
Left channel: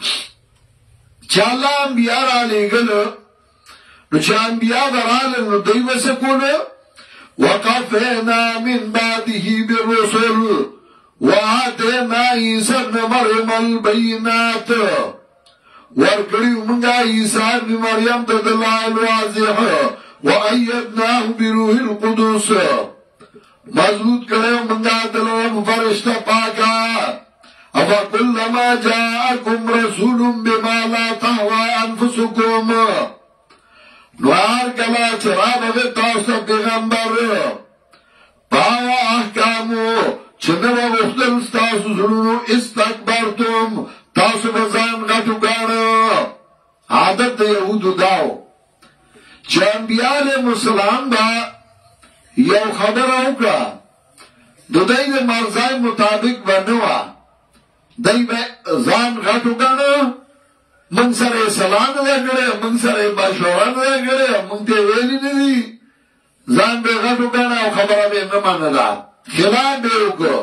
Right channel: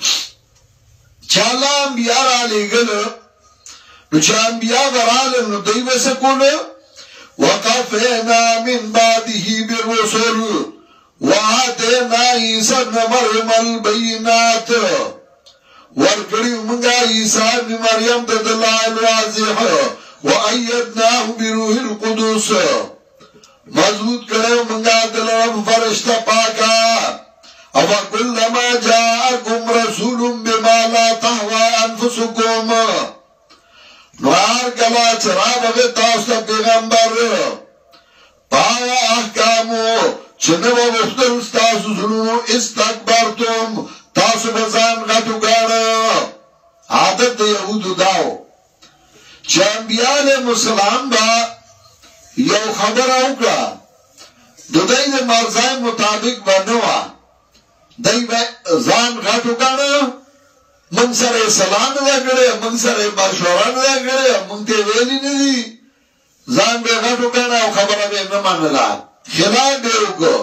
چالا انبیاء را لگلو نو چا انبیاء برالو نو دی بسکولو وقفینا من بعده بالرسل وآتینا عیسی ابن مریم البینات ورکڑیو منگا عیسی ابن مریم دلائل واضح وآیدناه بروح القدس مضبوط کرے منگا دلرم فرشتہ پاکا افا کلما جاءکم رسول بما لا تحوى انفسکم نوار کلا چراب اگے تاستا پیغمبر پایا احکامو چنو مختل ستاسو سنو استکبرتم تاسو بزان غٹو گانا عادت دا یهودو داو چه انبیاء علیہ السلام با یو خبر اوکړه د دې د مرزای مطابق بنوا دای به ځان غټو کنه من سره سلام نه کړي من سره مشوره نه کړي مونږ ته ویلي نه دي ځان به غټو کنه او خبره به نه منله خلاف به وکړو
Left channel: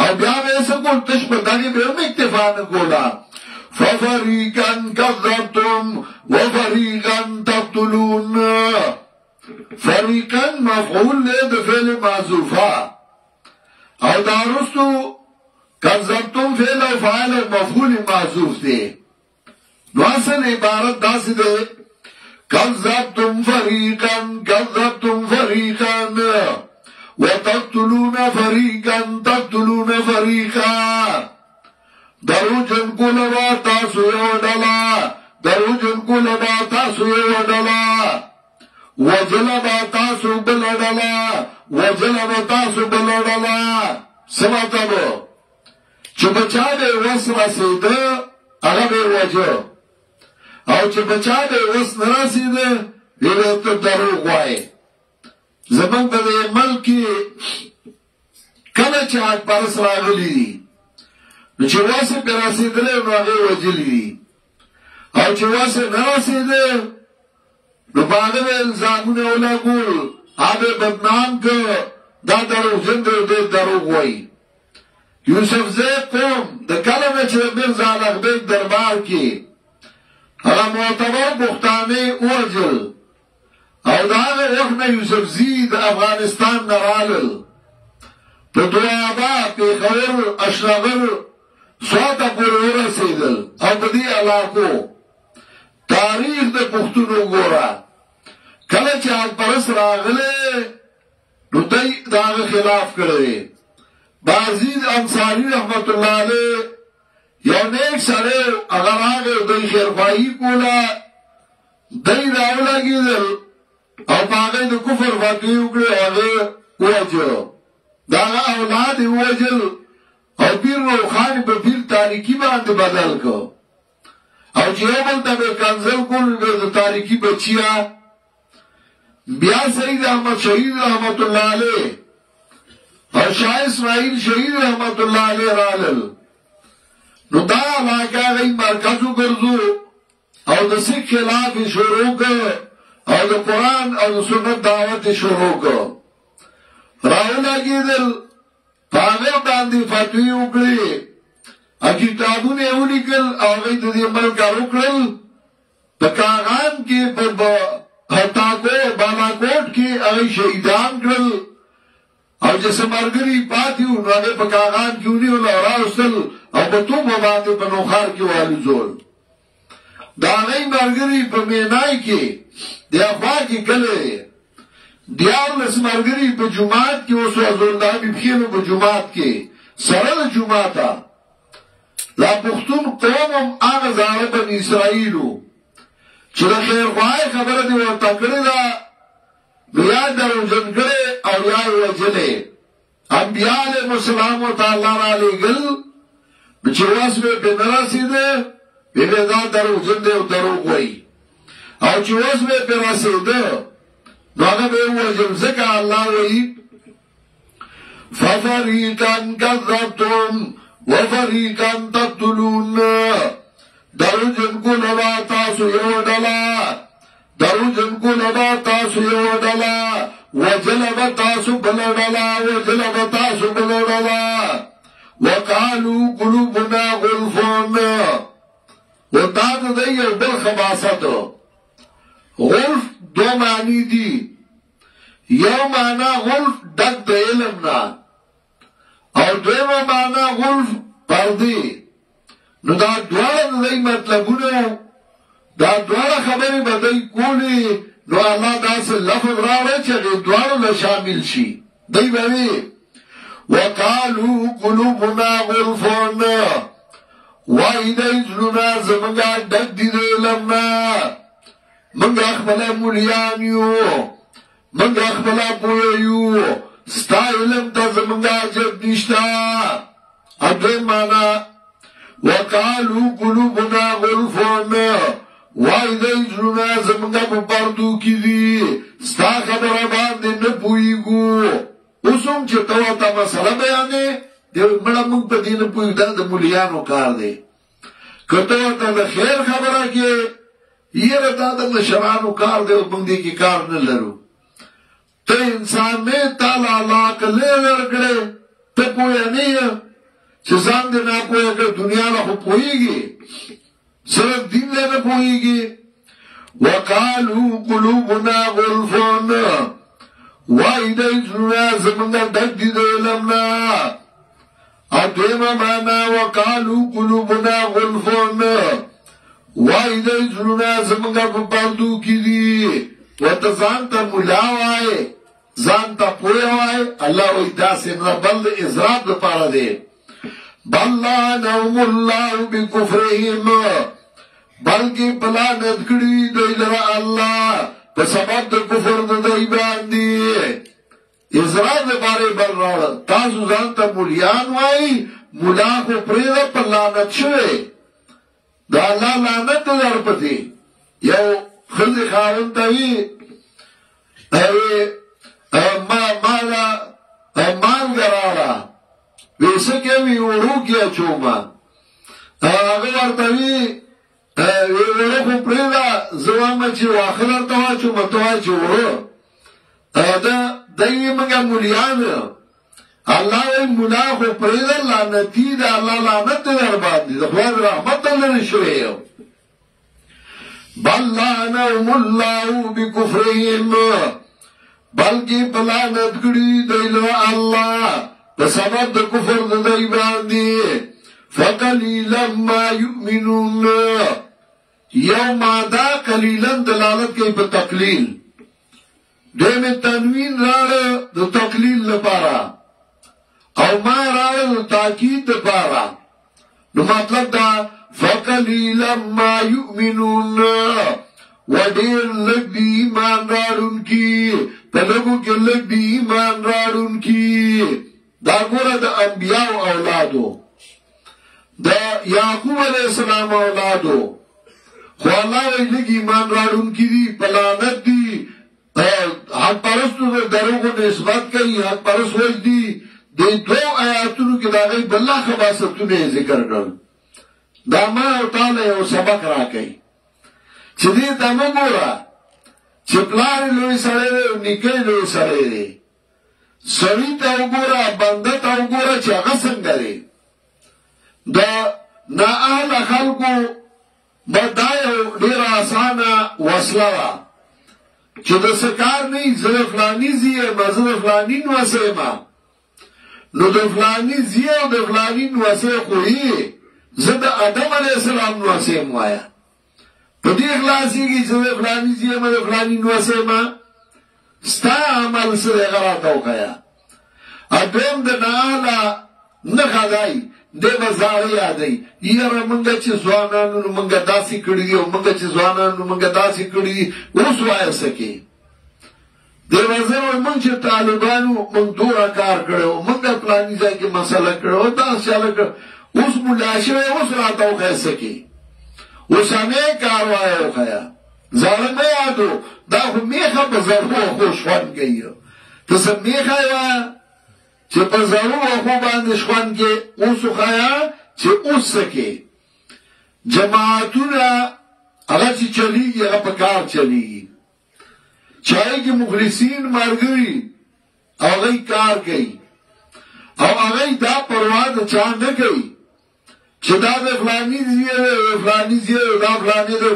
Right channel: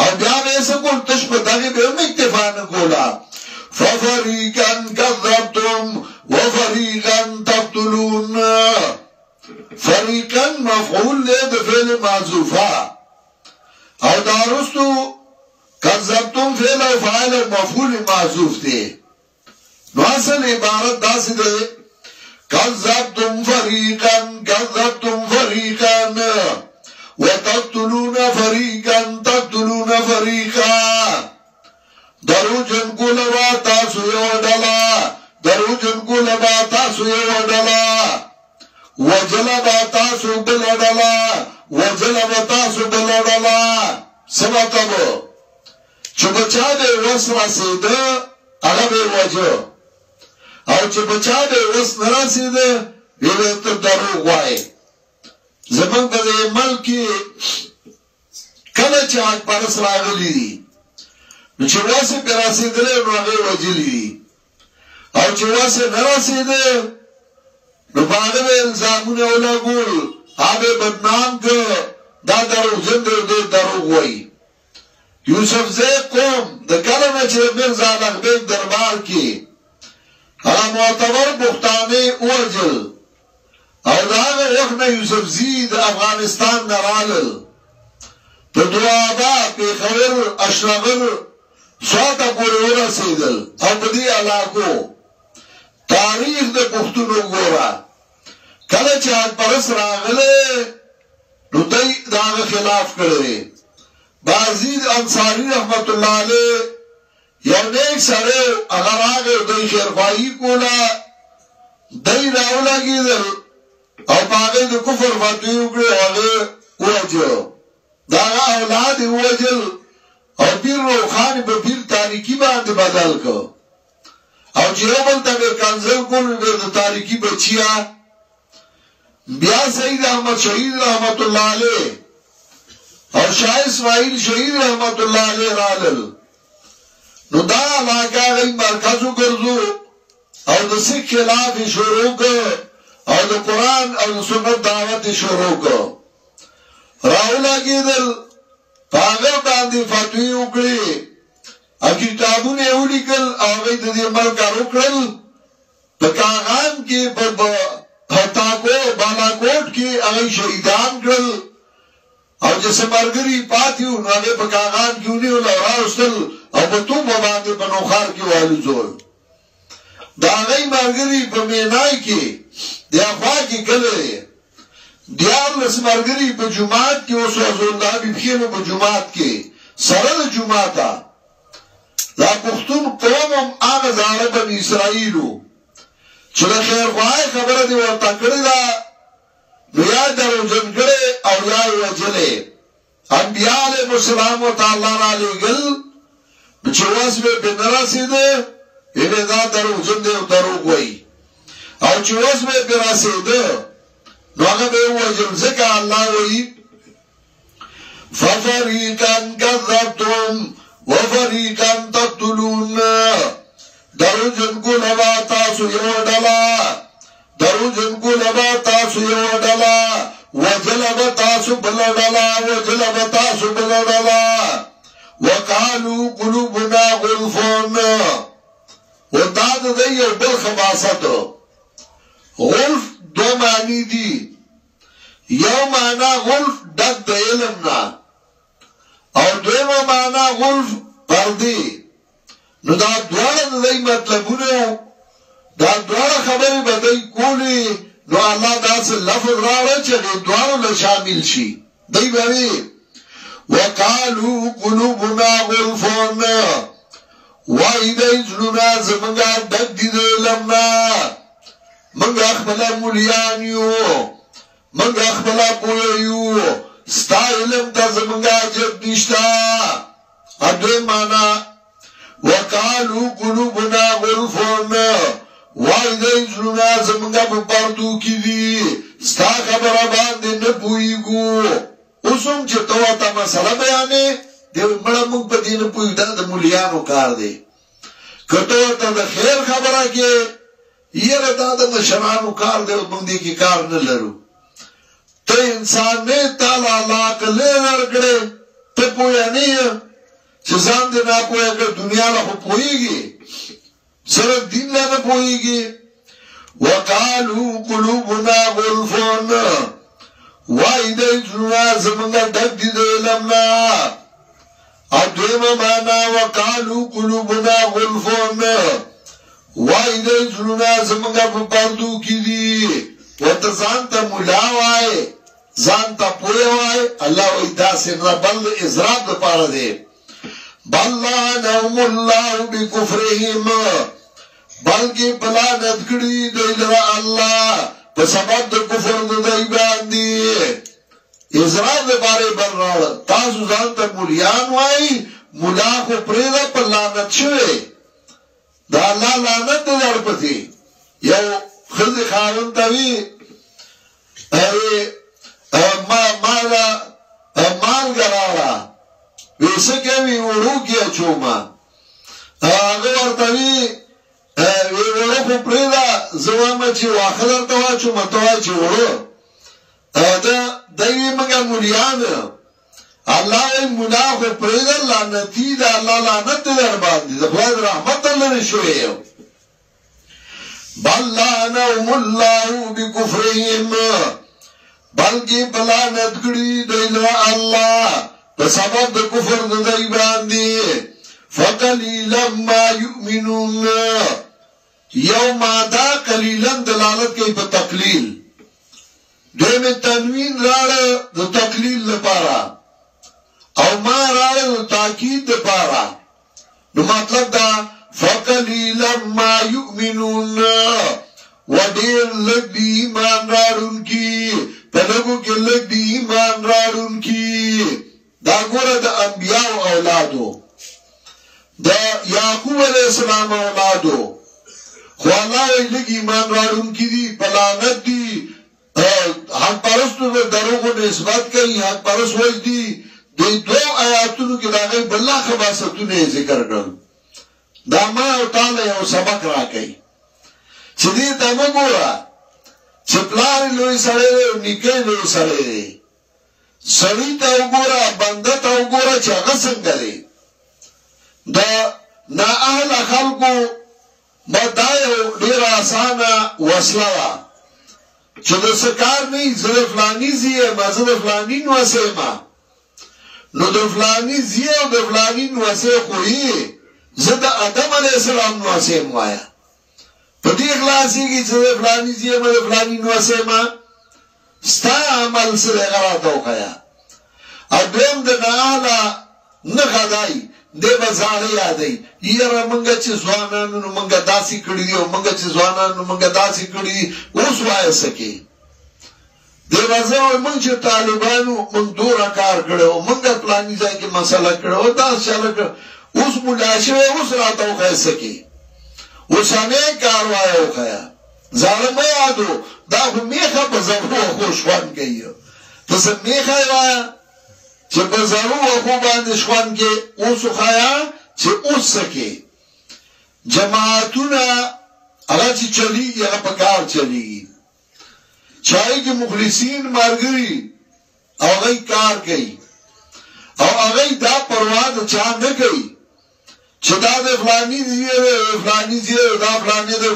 او بیا به څه کول تش په دغه به اکتفا نه کولا ففریقا کذبتم وفریقا تقتلون فریقا مفعول له د فعل محذوفه او دارستو کذبتم فعل او فاعل مفعول محذوف دي نو اصل عبارت داسې ده کذبتم فریقا وتقتلون فریقا درو جن کولوا تاسو یو ډلا درو جن کولوا تاسو یو ډلا وجلبا تاسو بلډلا وجلبا تاسو بلډلا سماتبو چې بچا دې وس رسیده هغه به وجو او چې بچا دې وس نه رسیده ویل ته دروغ وای زمونږ د ملک کله چې حق پرس راغلی دي نو چې واسه پر رسیدل نو هغه وجلی او چې واسه نه رسیده نو باندې الزامونه ولګول هغه بدنام ک دا درو جن دې دروغ وای یوسف زی قوم د کلمه چې مرزا لغبیک دربار کې هغه معتبر بختانی اوجل او داغه وخت یوسف زی د افغانستان نرالل په دوابا په خبر اشرغل سواته پورې ورسېدل او په دې علاقو تاریخ د پښتونو ګورا کله چې حق پرس راغله نو دوی داغه خلاف کړی بازید انصاری رحمت الله علیه یو نیک سره اگر هغه دوی خیرخواهی کوله دی راولګېدل او په هغې د کفر فتوې وکړې هغې ووجلو د هغه اولاد یې ووجل او پیر روښان په پیر تاریکي باندې بدل کړ او چې یو بل ته به کنځل کول د تاریکي بچیا بیا سید احمد شهید رحمت الله علیه او شاه اسماعیل شهید رحمت الله علیه رالل نو دا علاقه غي مرکز وګرځو او د سیک خلاف شروع کړ او د قران او د سنت دعوت شروع کړ راولګېدل هغه باندې فتوی وکړي ا کتابونه ولیکل او هغه د دې ملک وکړل په کاغان کې په هتاکو بالاکوټ کې هغه شهیدان کړل او چې سمرګری پاتیو نو هغه په کاغان کې ونیول او راوستل او په توبه باندې په نوخار کې والو زول دا غي مرګري په مینای کې د افوا کې کله دیار لسمرګری په جمعات کې اوس الله به خیر په جمعات کې سره د جمعاتا لا پختون قوم هغه ظالم اسرائیلو چې د خیر خوای خبره دی ورته کړی دا نو یا درو جن کړي او یا وجلې انبیاء علیهم السلام تعالی علیګل چې واسه به نرسیده به دا درو جن دی او درو وای او چې واسه به رسیده نو هغه به وجل ځکه الله وای ففریقا کذبتم وفریقا تقتلون درو جن کو لوا تاسو یو ډلا درو جن کو لبا تاسو یو ډلا وجلب تاسو بل ډلا وجلب تاسو بل ډلا وقالو قلوبنا غلفون وتاد د یو بل خباست غلف دو معنی دي یو معنا غلف دک د علم نه او دویمه معنا غلف پردی نو دا دواړه د مطلبونه دا دواره خبری بدای کولی نو اللہ دا سے لفظ راوڑا چاہے دوارو لشامل شی دی بوی وقالو قلوبنا غلفون وائی دی جنونا زمنگا ڈک دی دی لمنا منگا اخبلا مولیانیو منگا اخبلا بویو ستا علم تا زمنگا جب نشتا ادوی مانا وقالو قلوبنا غلفون وای دای زړه زمونږه په پردو کې دي ستا خبره باندې نه پويګو اوسم چې توا ته مسله بیانې د مړه موږ په دین پوي دا د مولیانو کار دی کته ته د خیر خبره کې یره دا د مشرانو کار دی موږ دې کې کار نه لرو ته انسان نه تعالی الله کله ورګړې ته پوي نه چې ځان دې نه پوي کړ دنیا له پويږي صرف دین لگا پوئی گی وقالو قلوبنا غلفون وائی دی جنونا زمانگا ڈک دی دی علمنا اور دویمہ مانا وقالو قلوبنا غلفون وائی دی جنونا زمانگا پردو کی دی وانتا زانتا ملاوائی زانتا پویوائی اللہ وی داسن ربال ازراب دا پارا دے بلانهم الله بكفرهم بلکې بلانت کړي دوی لره الله په سبب د کفر د دوی باندې اسرائیل لپاره برناړ تاسو ځان ته مولیان وای مولا خو پرېدا په لعنت شوی دا الله لعنت درپتی یو خزي خاون دوی مال ګراړه ویسه کوي ورو کې چوما هغه ورتوي ویله خو پرېدا زوامه چې واخلر ته واچو متوای چې ورو دا دایي موږ مولیان الله ای مولا خو پرېدا لعنتی دا الله لعنت در باندې د خدای رحمت لري شوی بل لعنهم الله بكفرهم بلکې بلعنت کړي دی الله په سبب د کفر د دوی باندې فقلیلا ما یؤمنون یو ماده قلیلا دلالت کوي په تقلیل دغه تنوین راړه د تقلیل لپاره او ما راړه د تاکید لپاره نو مطلب دا فقلیلا ما یؤمنون وډیر لږ دی ایمان راړونکي په لږو کې لږ دی ایمان راړونکي دا ګوره د انبیاء اولادو د یعقوب علیہ السلام اولادو خو الله یې لږ ایمان راړونکي دي په لعنت دي حق پرستو د دروغو نسبت کوي حق پرست وایي دي د دوه آیاتونو کې د هغې بله خباستونه یې ذکر کړل دا ما او تعالی یو سبق راکوي چې دې ته مه ګوره چې پلار یې لوی سړی دی او نیکه یې لوی سړی دی سړي ته وګوره بنده ته وګوره چې هغه څنګه دی د نااهله خلکو به دا یو ډېره اسانه وسله ده چې د څه کار نه وي زه د فلاني زوی یم زه د فلاني نوسۍ یم نو د فلاني زوی او د فلاني نوسۍ خو یې زه د آدم علیه السلام نوسۍ یم وایه په دې خلاصېږي چې د فلاني زوی یم د فلاني نوسۍ یم ستا عمل څه دی هغه راته وښیه او دویم د نااهله نښه دی دی به زاړه یادوي یاره مونږ چې ځوانانو نو مونږ داسې کړي دي او مونږ چې ځوانانو نو مونږ داسې کړي دي اوس وایه څه کې دی به زه وایم مونږ چې طالبانو مونږ دوره کار کړی و مونږ پلاني ځای کې مسله کړې و داسې چاله کړ اوس ملا شوی اوس راته وښیه څه کې اوسنی کار وایه وښیه زاړه مه یادو دا خو میخه په زړو خو شخوند کوي ته څه میخه یې وایه چې په زړو وخو باندې شخوند کې اوس وښیه چې اوس څه کې جماعتونه هغه چې چلیږي هغه په کار چلیږي چې هغې کې مخلصین ملګري او هغوی کار کوي او هغوی دا پروا د چا نه کوي چې دا د فلاني زوی دی فلاني زوی دی دا فلاني دی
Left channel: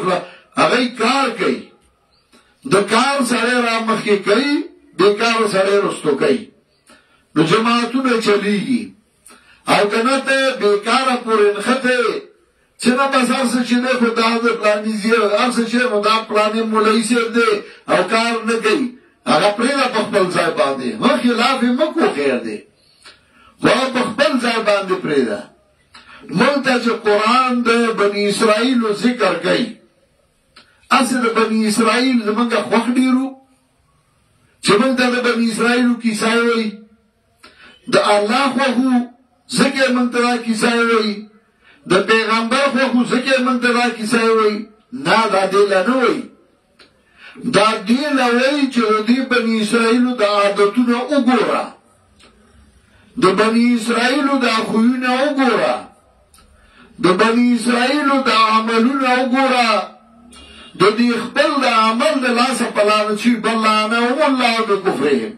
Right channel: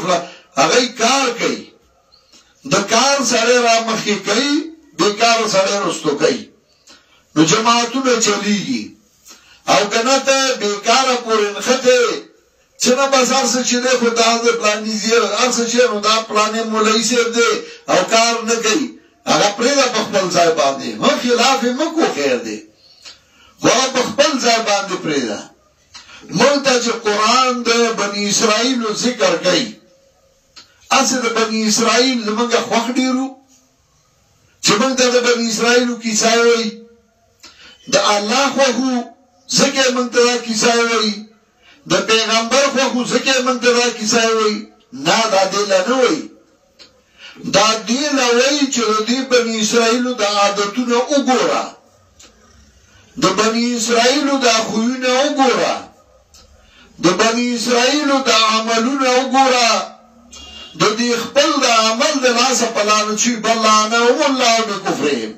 هغوی کار کوي د کار سړی را مخکې کوي بېکاره سړی رستو کوي نو جماعتونه چلیږي او که نه ته بېکاره پورې نښتې چې نه بس هر څه چې دی خو دا د فلاني زوی هر څه چې نو دا فلاني مولوي صاحب دی او کار نه کوي هغه پرېږده په خپل ځای باندې مه خلاف یې مه کو خیر دی خو هغه په خپل ځای باندې پرېږده موږ ته چې قرآن د بني اسرائیلو ذکر کوي هسې د بني اسرائیل زمونږ خوښ ډېرو چې موږ ته د بني اسرائیلو کیسه وایي د الله خوښو ځکه یې موږ ته دا کیسه وایي د پیغمبر خوښو ځکه یې موږ ته دا کیسه وایي نه دا دې له نه وایي دا دې له وایي چې د دې بني اسرائیلو د عادتونه وګوره د بني اسرائیلو د خویونه وګوره د بني اسرائیلو د عملونه وګوره د دې خپل د عمل د لاسه په لعنت شوي بل لعنهم الله بکفرهم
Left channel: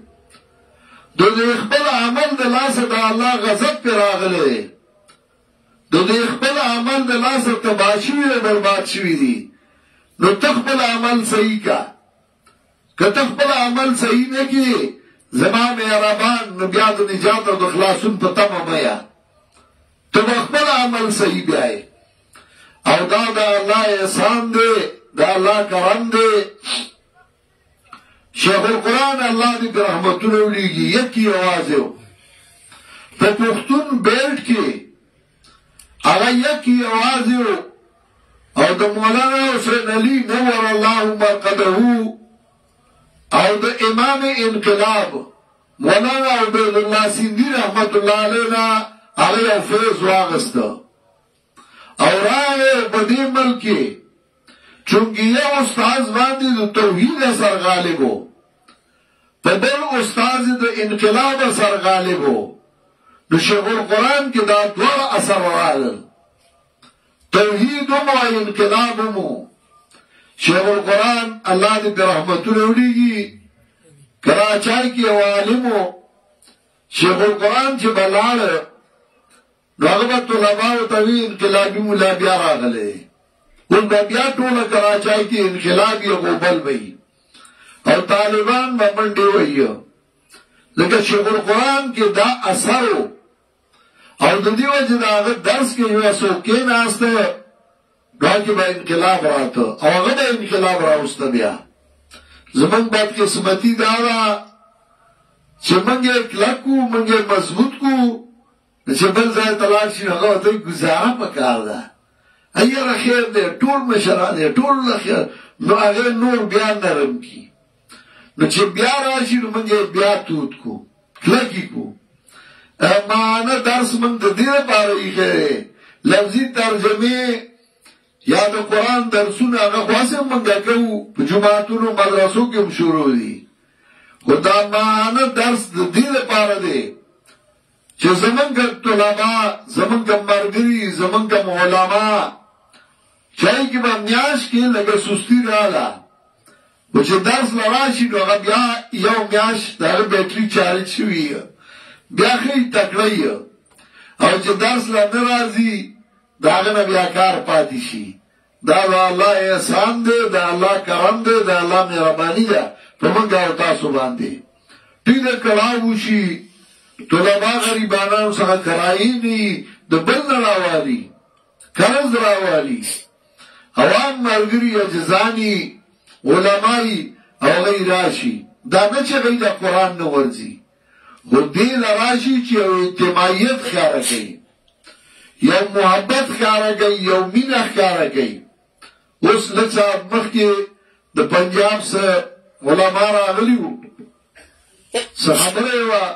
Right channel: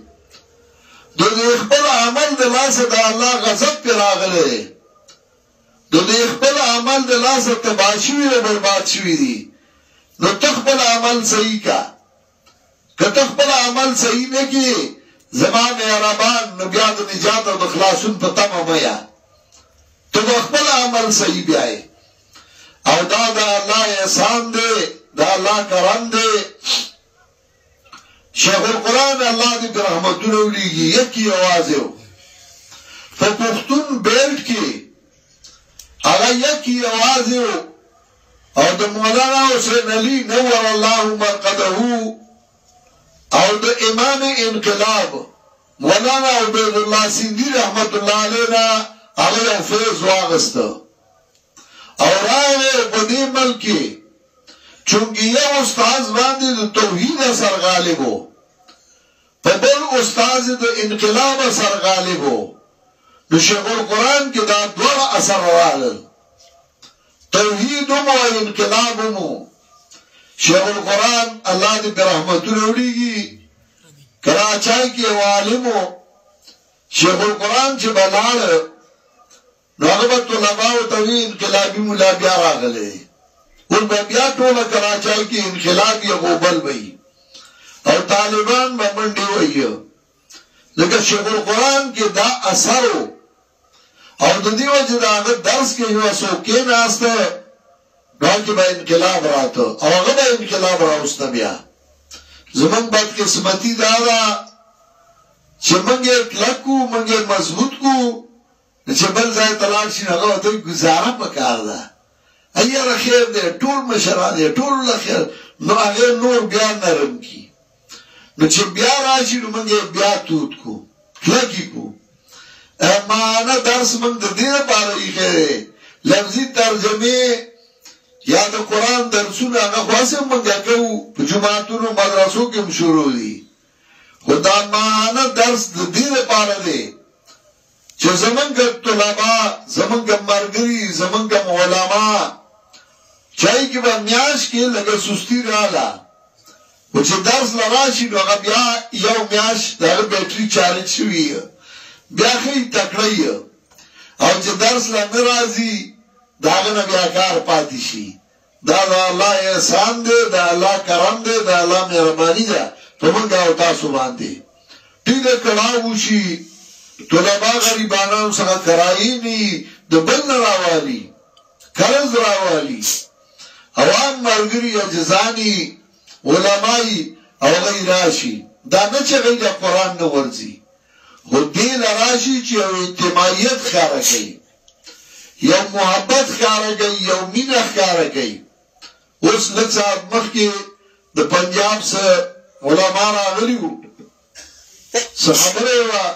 د دې خپل عمل د لاسه د الله غضب پرې راغلی د دې خپل عمل د لاسه تباه شوي او برباد شوي دي نو ته خپل عمل صحیح کا که ته خپل عمل صحیح نه کړې زما مهربان نو بیا د نجات او د خلاصون په تمه مه یه ته به خپل عمل صحیح بیایې او دا د الله احسان دی دا الله کرم دی شیخ القرآن الله دې په رحمتونه ولیږي یکي یوازې په پښتون بیلټ کې هغه یکي یوازې او د مولانا حسین علي نور الله مرقده او د امام انقلاب مولانا عبید الله سیندی رحمت الله علینا هغه یو فیض واغسته او راغی په دې ملک کې چونکه یو استاذ باندې د توحید اثر غالب و په بل استاذ د انقلاب اثر غالب و نو شیخ القرآن کې دا دوه اثر راغلل توحید مو او انقلاب مو شیخ القرآن الله دې په رحمتونو ولیږي کراچۍ کې یو عالم و شیخ القرآن چې بلاړ نو هغه به طلباو ته وی انقلابي ملا بیا راغلی اوس به بیا ټوله کراچۍ کې انقلاب یې غوبل وی او طالبان به منډې وهي لکه شیخ القرآن کې دا اثر و او د دې وجې د هغه درس کې یو څوک کېناسته دا کې به انقلاب راته او هغه به انقلاب راوسته بیا زمونږ بدقسمتي دا ده چې موږ یې کلک کړو موږ یې مضبوط کړو چې بل ځای ته لاړ شي نو هغه ورته ګزاره پکار ده ایره خیر دی ټول مشران دی ټول له خیر نو هغه نور بیا نرم کی نو چې بیا راشي نو موږ بیا تود کو کلکی کو معنا درس موږ د دې لپاره یې لفظي ترجمه یا د قرآن درسونه هغه خاصه موږ کوو په جماعتونو مدرسو کې شروع دي خدا معنا درس د دې لپاره دی چې زمونږ طلبا زمونږ مرګري زمونږ علما چای کې به میاش کې لږه سستی رااله و چې درس لراشي نو هغه بیا یو میاش د هغه بیټري چارج شوي بیا ښه تکړه او چې درس لا نه راځي د هغه نه بیا کار پاتې شي دا د الله احسان دی د الله کرم دی د الله مهرباني ده په موږ او تاسو باندې ټیک ده کړه وشي طلبا غریبانو څخه کرایي ني د بل نه راوالي قرض راوالي عوام مرګري اجزاني علماي او غیر راشي دا نه چې غیر قرآن نه ورځي خو دې لراشي چې یو اجتماعیت ښکاره کوي یو محبت ښکاره کوي یو مینه ښکاره کوي اوس لږ ساعت مخکې د پنجاب څخه علما راغلي وو څه خبره یې وه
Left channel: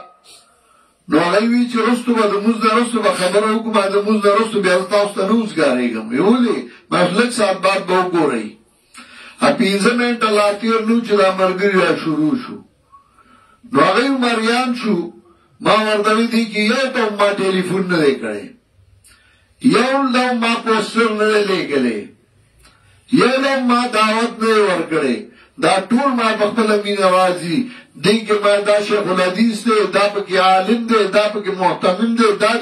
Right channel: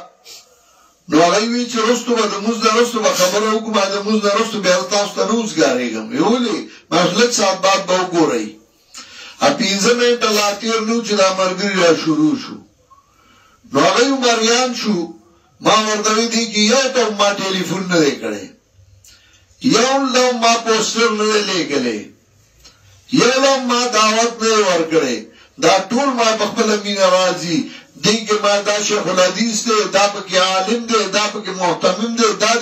نو هغه وی چې رستو به د مونځ نه رستو به خبره وکړو ما د مونځ نه رستو بیا تاسو ته نه وزګارېږم ولې ما لږ ساعت بعد به وګورئ پنځه منټه لا تېر نو چې دا ملګري را شروع شو نو هغه مریان شو ما ورته ویلي چې یو ته ما ټلیفون نه دی کړی یو له ما پوسټر نه دی لیکلی یو له ما دعوت نه دی ورکړی دا ټول ما په خپله مینه راځي دې کې ما دا شیخ الحدیث دی دا پکې عالم دی دا پکې محتمم دی دا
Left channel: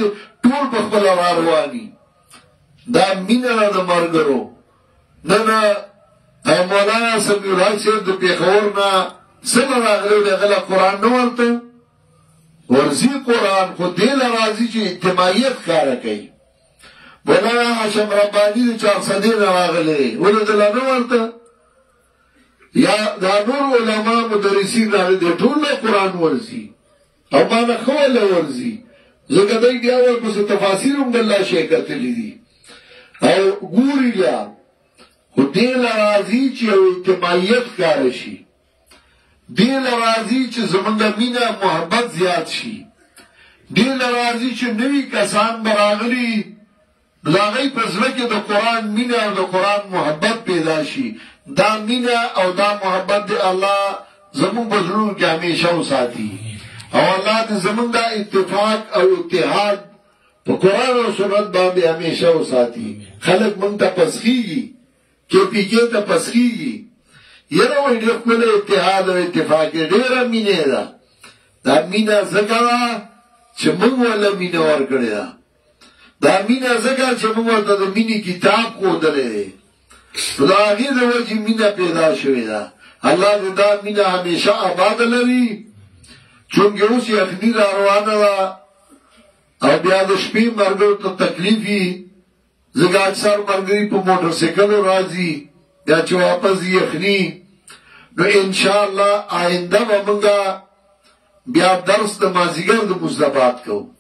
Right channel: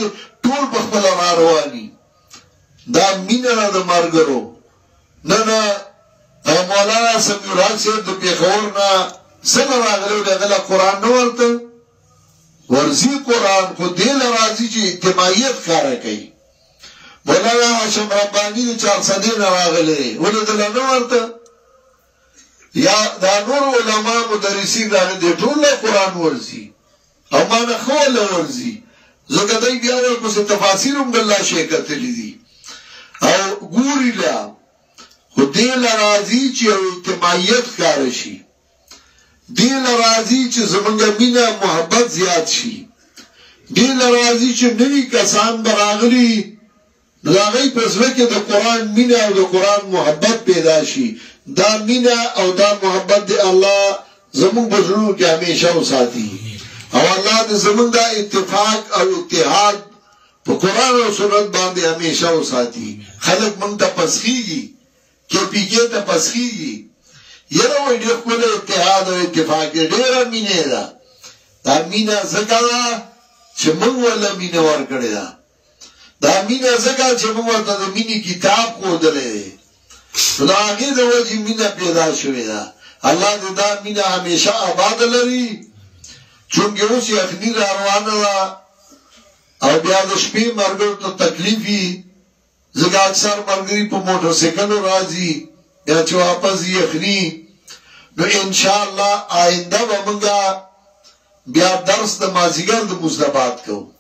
ټول په خپله را رواني دا مینه نه د ملګرو نه نه مولانا سمیع الحق صاحب د پېښور نه څنګه راغلی و هغه له قرآن نه ورته ورځي قرآن خو دې له راځي چې اجتماعیت ښکاره کوي مولانا هاشم رباني د چارسدې نه راغلی ولې دله نه ورته یا دا نور علما مدرسین راغلي دي ټول له قرآن ورځي او ما نه خو له ورځي ځکه دی بیا ورپسې تفاسیر هم د الله شی کتلي دي او ګوري لا خو دې له راځي چې یو اجتماعیت ښکاره شي دې له راځي چې زمونږ مینه محبت زیات شي دې له راځي چې نوي کسان به راغلي د هغوی په زړه کې د قرآن مینه او د قرآن محبت پیدا شي دا مینه او دا محبت دی الله زمونږ په زړونو کې همیشه وساتي او الله دې زمونږ دا اتفاق او اتحاد په قرآن او سنت باندې همیشه وساتي خلک مونږ ته پسخېږي KPK ته پسخېږي یره وایي ډېر ښکلی اتحاد او اتفاق دی ډېره مینه ده دا مینه ځکه ده چې موږ ورله مینه ورکړې ده دا مینه ځکه چې موږ ورته د مینې کتاب ښودلی دی نو د هغې د وجې مینه پیدا شوې ده الله دې دا مینه همیشه آباده لري چونکې اوس یخني را روانه ده او بیا د شپې ملګرو ته تکلیف وي ځکه اکثر ملګري په موټر سایکلو راځي بیا چې واپس یخني نو انشاءالله آینده به موږ بیا درس د مازدیګر د مزدبات کوو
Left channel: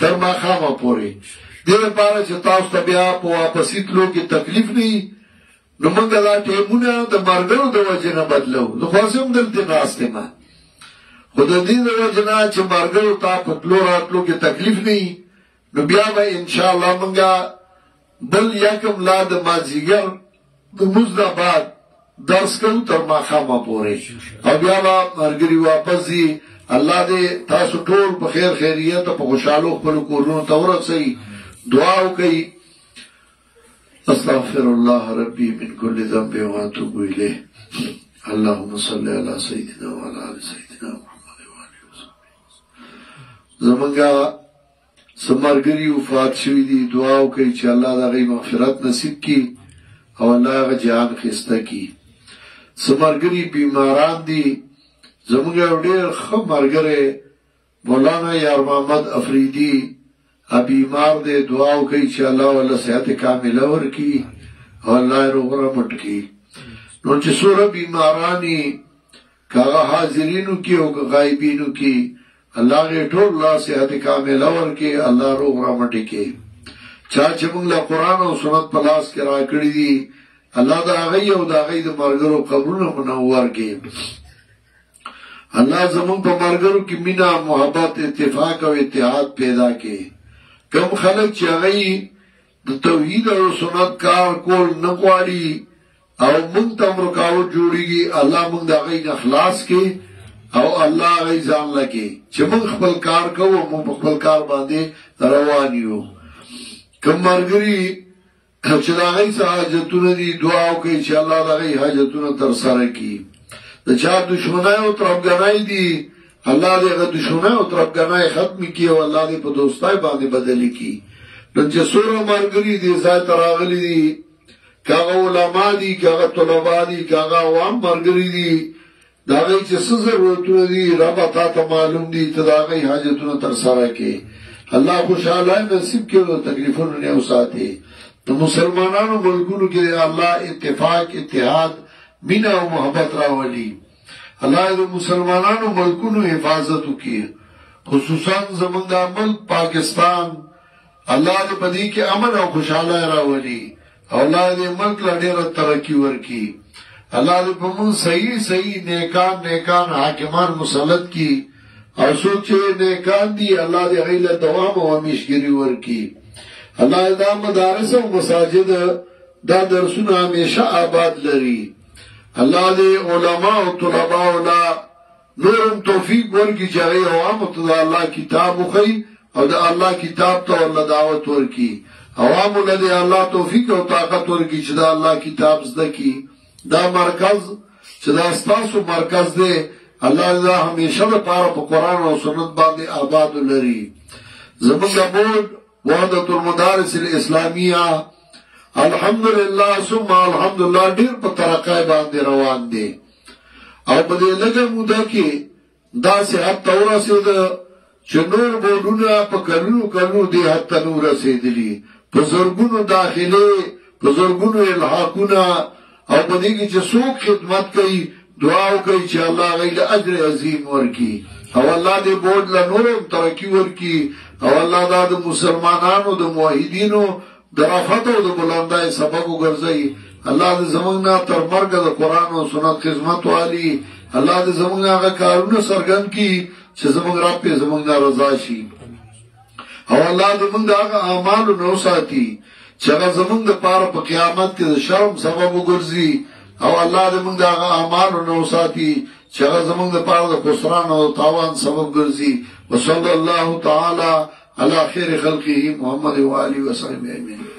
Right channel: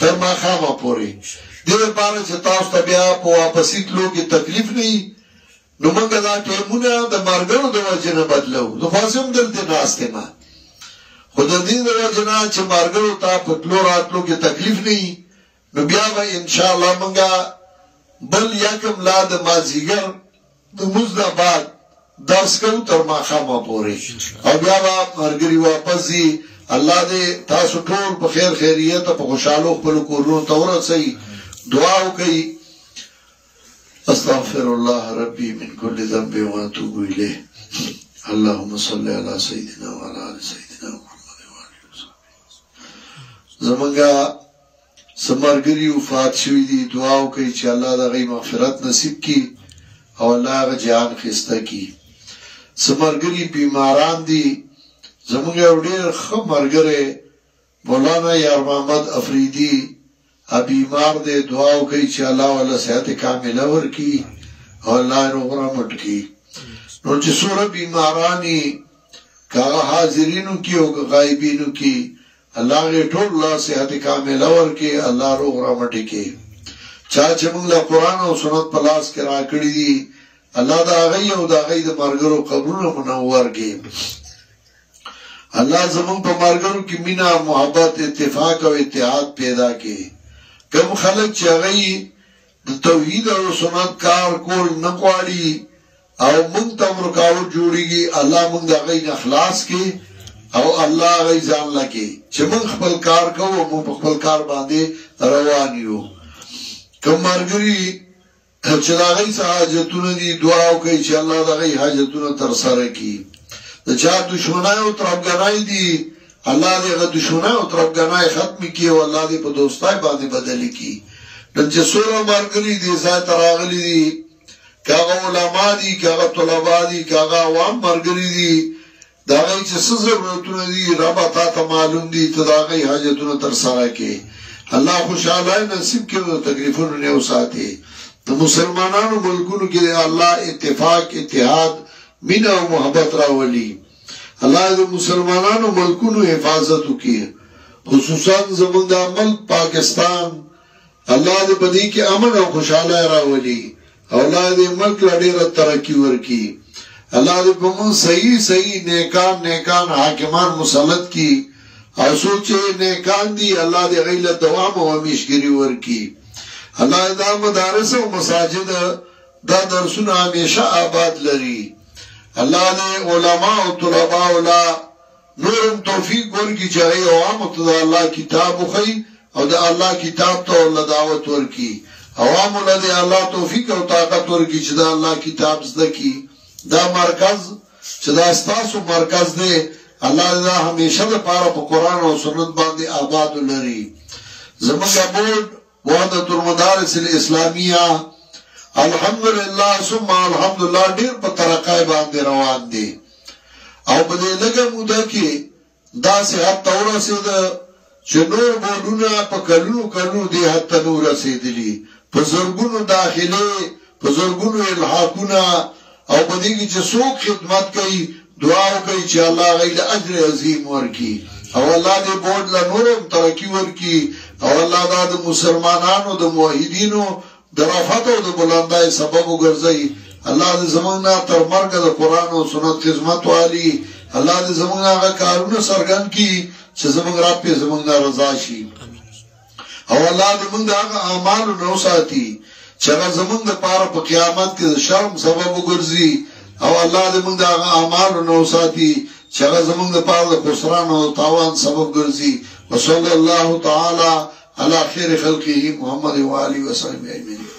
تر ماښامه پورې دې لپاره چې تاسو ته بیا په واپسي تلو کې تکلیف نه وي نو موږ دا ټیمونه د ملګرو د وجې نه بدلو زه خو اوس هم دلته ناست یم خو د دې د وجې نه چې ملګرو ته په تلو راتلو کې تکلیف نه وي نو بیا به انشاءالله موږ بل یکم لا د مازدیګر د مزدبات درس کوو تر ماښامه پورې او بیا به ملګري واپس ځي الله دې تاسو ټول په خیر خیریت په خوشحالو خپل کورونو ته ورسوي دعا وکړئ استغفر الله ربي من كل ذنب واتوب اليه اللهم صل على سيدنا وعلى ال سيدنا محمد وعلى اله وصحبه زمونږه سمرګري وفات شوي دي دعا وکړئ چې الله د هغوی مغفرت نصیب کړي او الله هغه جهان ښایسته کړي سمرګري بیماران دي زمونږ یو ډېر ښه ملګری مولانا یار محمد افریدي بیمار دی دعا وکړئ چې الله والا صحت کامله ورکړي او الله یې روغ رمټ کړي نو چې څومره بیمارانې که هغه حاضرینو کې او که غایبینو کې الله یې ټول لا صحت کامله ورکړي الله روغ رمټ کړي چا چې موږ له قرآن او سنت په لاس کې راکړي دي الله دا غي او دا غي د مرګرو قبرونه منور کې الله زمون په مرګرو کې مینا محبت اتفاق او اتحاد پیدا کې کم خلک چې غي د توحید او سنت کار کول نه غواړي او مونږ ته رکاوټ جوړيږي الله مونږ دا غي اخلاص کې او الله غي ځان لکه چې مونږ خپل کار کوو مونږ خپل کار باندې روان یو کم مرګري چې دا غي حاجتونه دي دعا کوي چې الله دا غي حاجتونه تر سره کړي د چا دشمنای او طرفګنای دي الله دې غو دشمنای او طرفګنای ختم کړي او الله دې په دوستای باندې بدل کړي نن چې سوره مرګري دي ځای تراغلي دي کاغه علماء دي کاغه طلباء دي کاغه عوام مرګري دي دا غي چې څه ضرورتونه دي رب ته معلوم دي ته دا غي حاجتونه تر سره کړي الله خوشاله نصیب کړي او تکلیفونه نه وساتي د مسلمانانو ملکونو کې الله اتفاق اتحاد مینا او محبت راولي الله د مسلمانانو ملکونو حفاظت وکړي خصوصا زموږ د ملک پاکستان الله دې په دې کې امن او خوشاله راولي او الله دې ملک لا ډېر ترقی ورکړي الله دې په موږ صحیح نیکان حاکمان مسلط کړي او سوچې نیکان دي الله دې غیله دوام او همیشګری ورکړي الله دا مدارس او مساجد دا درسونه همیشه آباد لري الله دې علماء او طلباء ولا نورم توفیق ورکړي چې عوام ته الله کتاب وخی او د الله کتاب ته ول دعوت ورکړي عوام له دې الله توفیق او طاقت ورکړي چې دا الله کتاب زده کی دا مرکز چې دا ستاسو مرکز دی الله دا همیشه لپاره په قران او سنت باندې آباد لري زموږ بورډ وحدت المدارس الاسلامیه الحمدلله ثم الحمدلله ډیر په ترقای باندې روان دي او په دې لګه موده کې دا صحت تورسید چې نور بورډونه په کلو دي حتی نور رسیدلی په زرګونو داخلي په زرګونو الحاقونه او په دې کې چې څوک خدمت کوي دعا کوي چې الله غیله اجر عظیم ورکړي او الله دې بورډ له نورم ترقی ورکړي او الله دا د مسلمانانو د موحدینو د رفعت او د بلندای سبب وګرځي الله دې زمونږه تر مرګ د قران او سنت خدمت والی الله دې زمونږه کارونه سرګن کړي چې زمونږ را په زمونږه رضا شي او الله دې موږ هغه اعمال نو ساتي چې هغه زمونږ د پاره په قیامت کې د شرم سبب وګرځي او الله دې موږ هغه اعمال نو ساتي چې هغه زمونږ د پاره د خسران او تاوان سبب ګرځي وصلی الله تعالی علی خیر خلقه محمد و علی و صحبه اجمعین